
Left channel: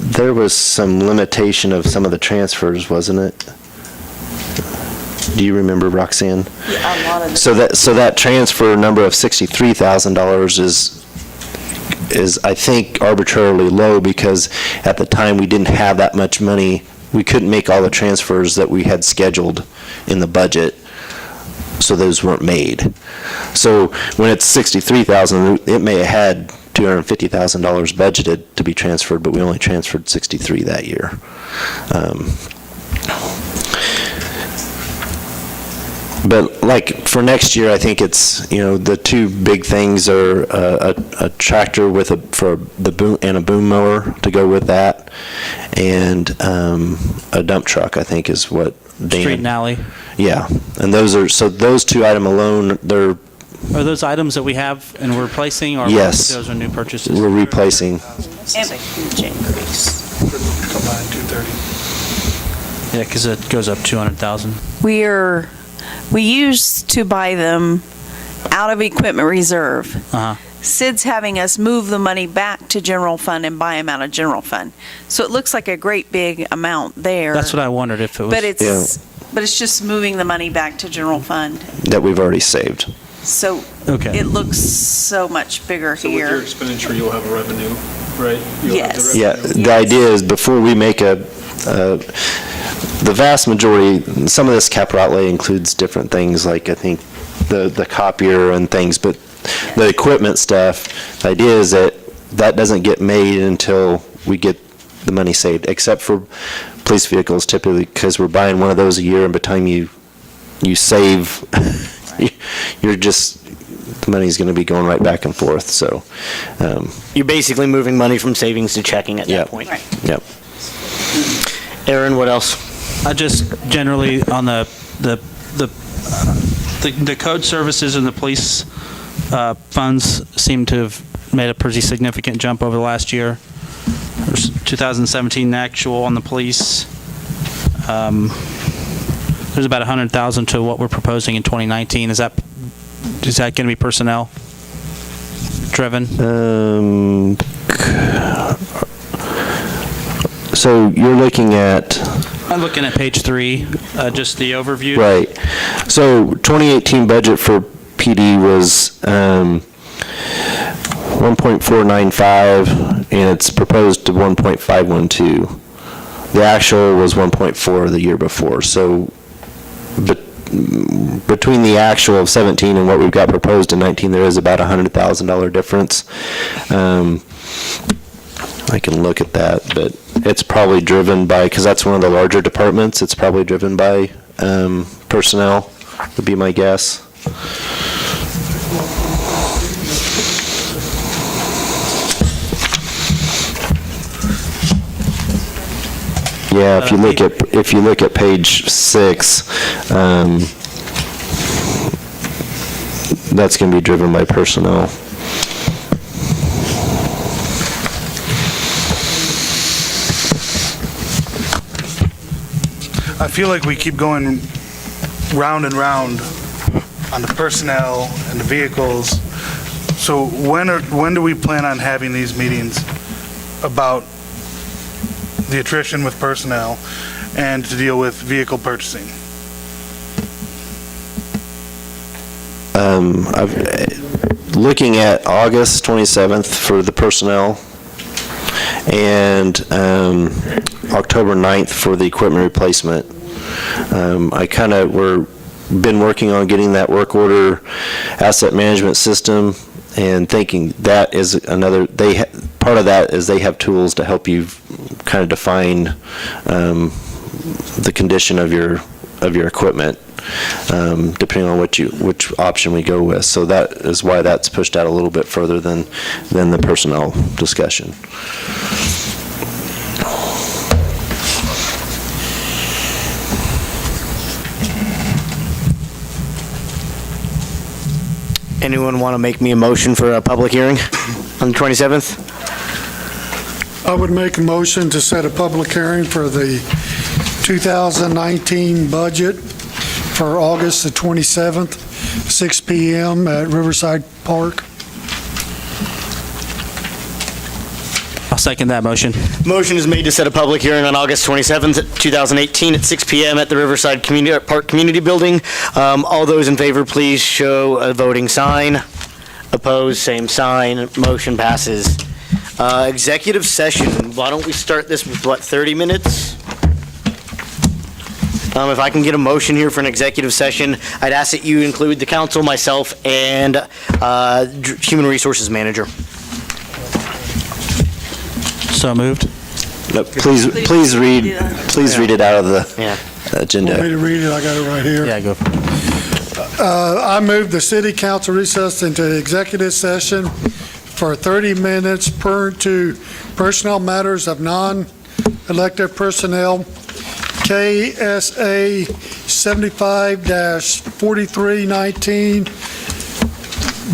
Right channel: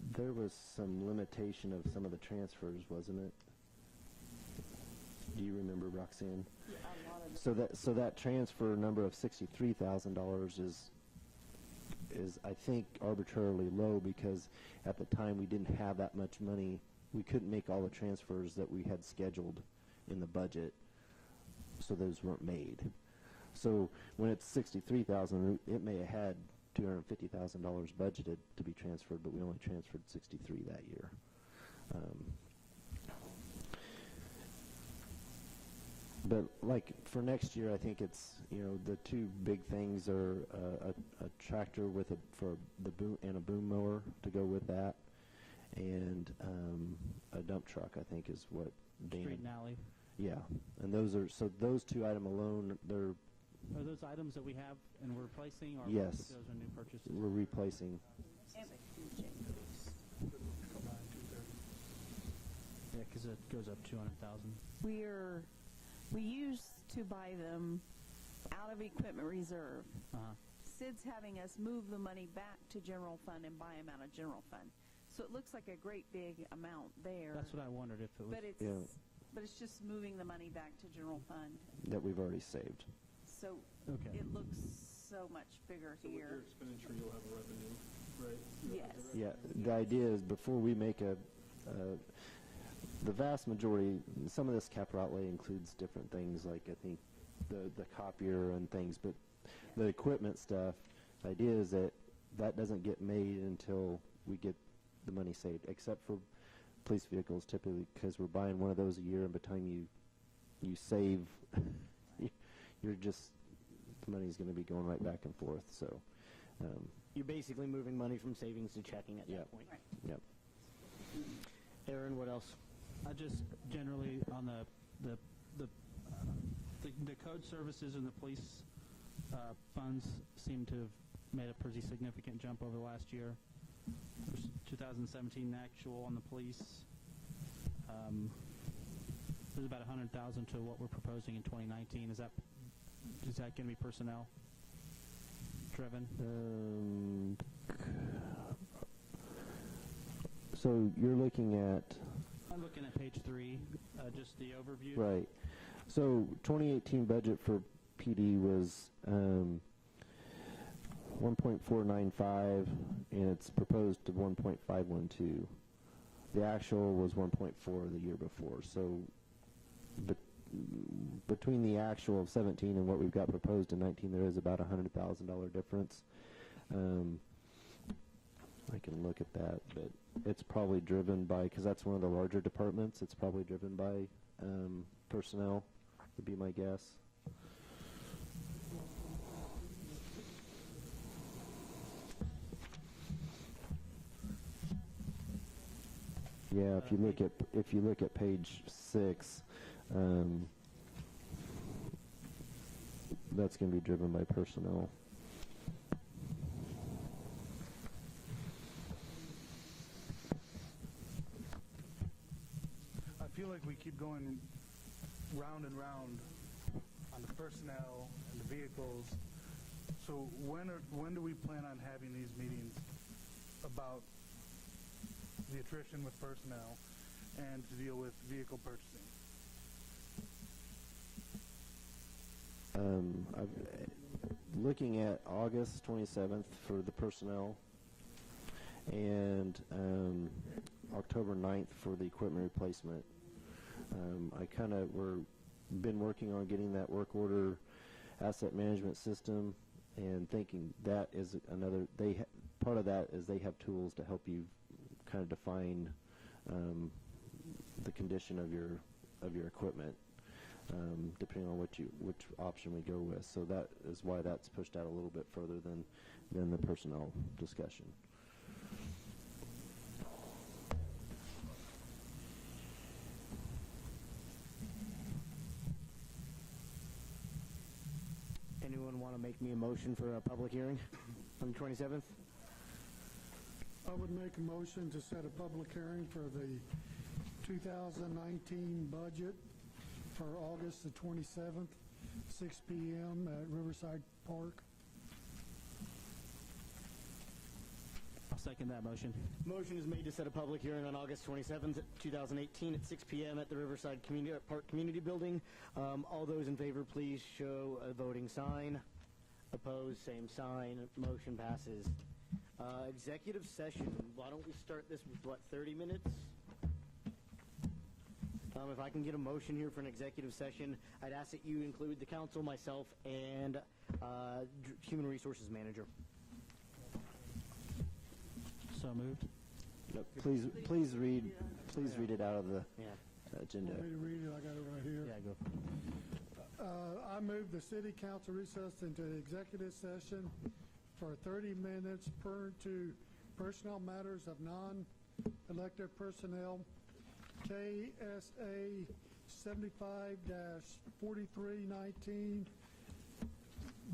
there was some limitation of some of the transfers, wasn't it? Do you remember, Roxanne? Yeah, a lot of the. So that transfer number of $63,000 is I think arbitrarily low because at the time we didn't have that much money. We couldn't make all the transfers that we had scheduled in the budget, so those weren't made. So when it's $63,000, it may have had $250,000 budgeted to be transferred, but we only transferred 63 that year. But like for next year, I think it's, the two big things are a tractor with a boom mower to go with that, and a dump truck, I think, is what Dan. Street and alley. Yeah, and those two items alone, Are those items that we have and we're replacing, or Yes. those are new purchases? we're replacing. This is a huge increase. Combined 230. Yeah, because it goes up 200,000. We used to buy them out of equipment reserve. Uh-huh. Sid's having us move the money back to general fund and buy them out of general fund. So it looks like a great big amount there. That's what I wondered if it was. But it's just moving the money back to general fund. That we've already saved. So Okay. it looks so much bigger So with your here. expenditure, you'll have a revenue, right? You'll have the Yes. Yeah, revenue. the idea is before we make the vast majority, some of this capital outlay includes different things, like I think the copier and things, but the equipment stuff, the idea is that doesn't get made until we get the money saved, except for police vehicles typically, because we're buying one of those a year, and by the time you save, the money's going to be going right back and forth, so. You're basically moving money from savings to checking at that point. Right. Yep. Aaron, what else? I just generally on the code services and the police funds seem to have made a pretty significant jump over the last year. There's 2017 actual on the police. There's about 100,000 to what we're proposing in 2019. Is that going to be personnel driven? So you're looking at. I'm looking at page 3, just the overview. Right. So 2018 budget for PD was 1.495, and it's proposed to 1.512. The actual was 1.4 the year before. So between the actual of 17 and what we've got proposed in 19, there is about $100,000 difference. I can look at that, but it's probably driven by, because that's one of the larger departments, it's probably driven by personnel, would be my guess. Yeah, if you look at page 6, that's going to be driven by personnel. I feel like we keep going round and round on the personnel and the vehicles. So when do we plan on having these meetings about the attrition with personnel and to deal with vehicle purchasing? Looking at August 27th for the personnel and October 9th for the equipment replacement. We're been working on getting that work order asset management system and thinking that is another, part of that is they have tools to help you kind of define the condition of your equipment, depending on which option we go with. So that is why that's pushed out a little bit further than the personnel discussion. Anyone want to make me a motion for a public hearing on the 27th? I would make a motion to set a public hearing for the 2019 budget for August the 27th, 6 PM at Riverside Park. I'll second that motion. Motion is made to set a public hearing on August 27th, 2018 at 6 PM at the Riverside Park Community Building. All those in favor, please show a voting sign. Opposed, same sign. Motion passes. Executive session, why don't we start this with, 30 minutes? If I can get a motion here for an executive session, I'd ask that you include the council, myself, and Human Resources Manager. So moved. No, please read it out of the agenda. Want me to read it? I got it right here. Yeah, go. I move the city council recess into executive session for 30 minutes per to personnel matters of non-elected personnel, KSA 75-4319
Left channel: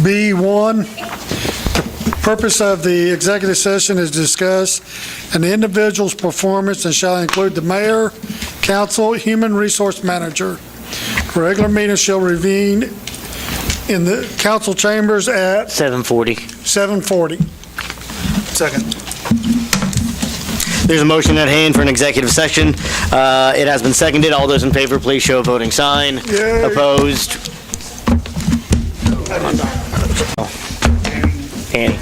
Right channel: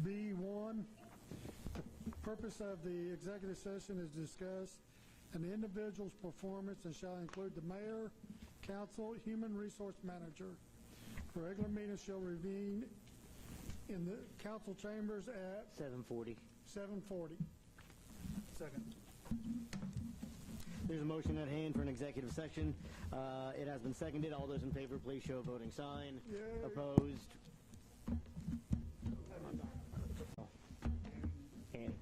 B1. The purpose of the executive session is to discuss an individual's performance and shall include the mayor, council, human resource manager. Regular meeting shall reconvene in the council chambers at 7:40. 7:40. Second. There's a motion at hand for an executive session. It has been seconded. All those in favor, please show a voting sign. Yay. Opposed? Annie.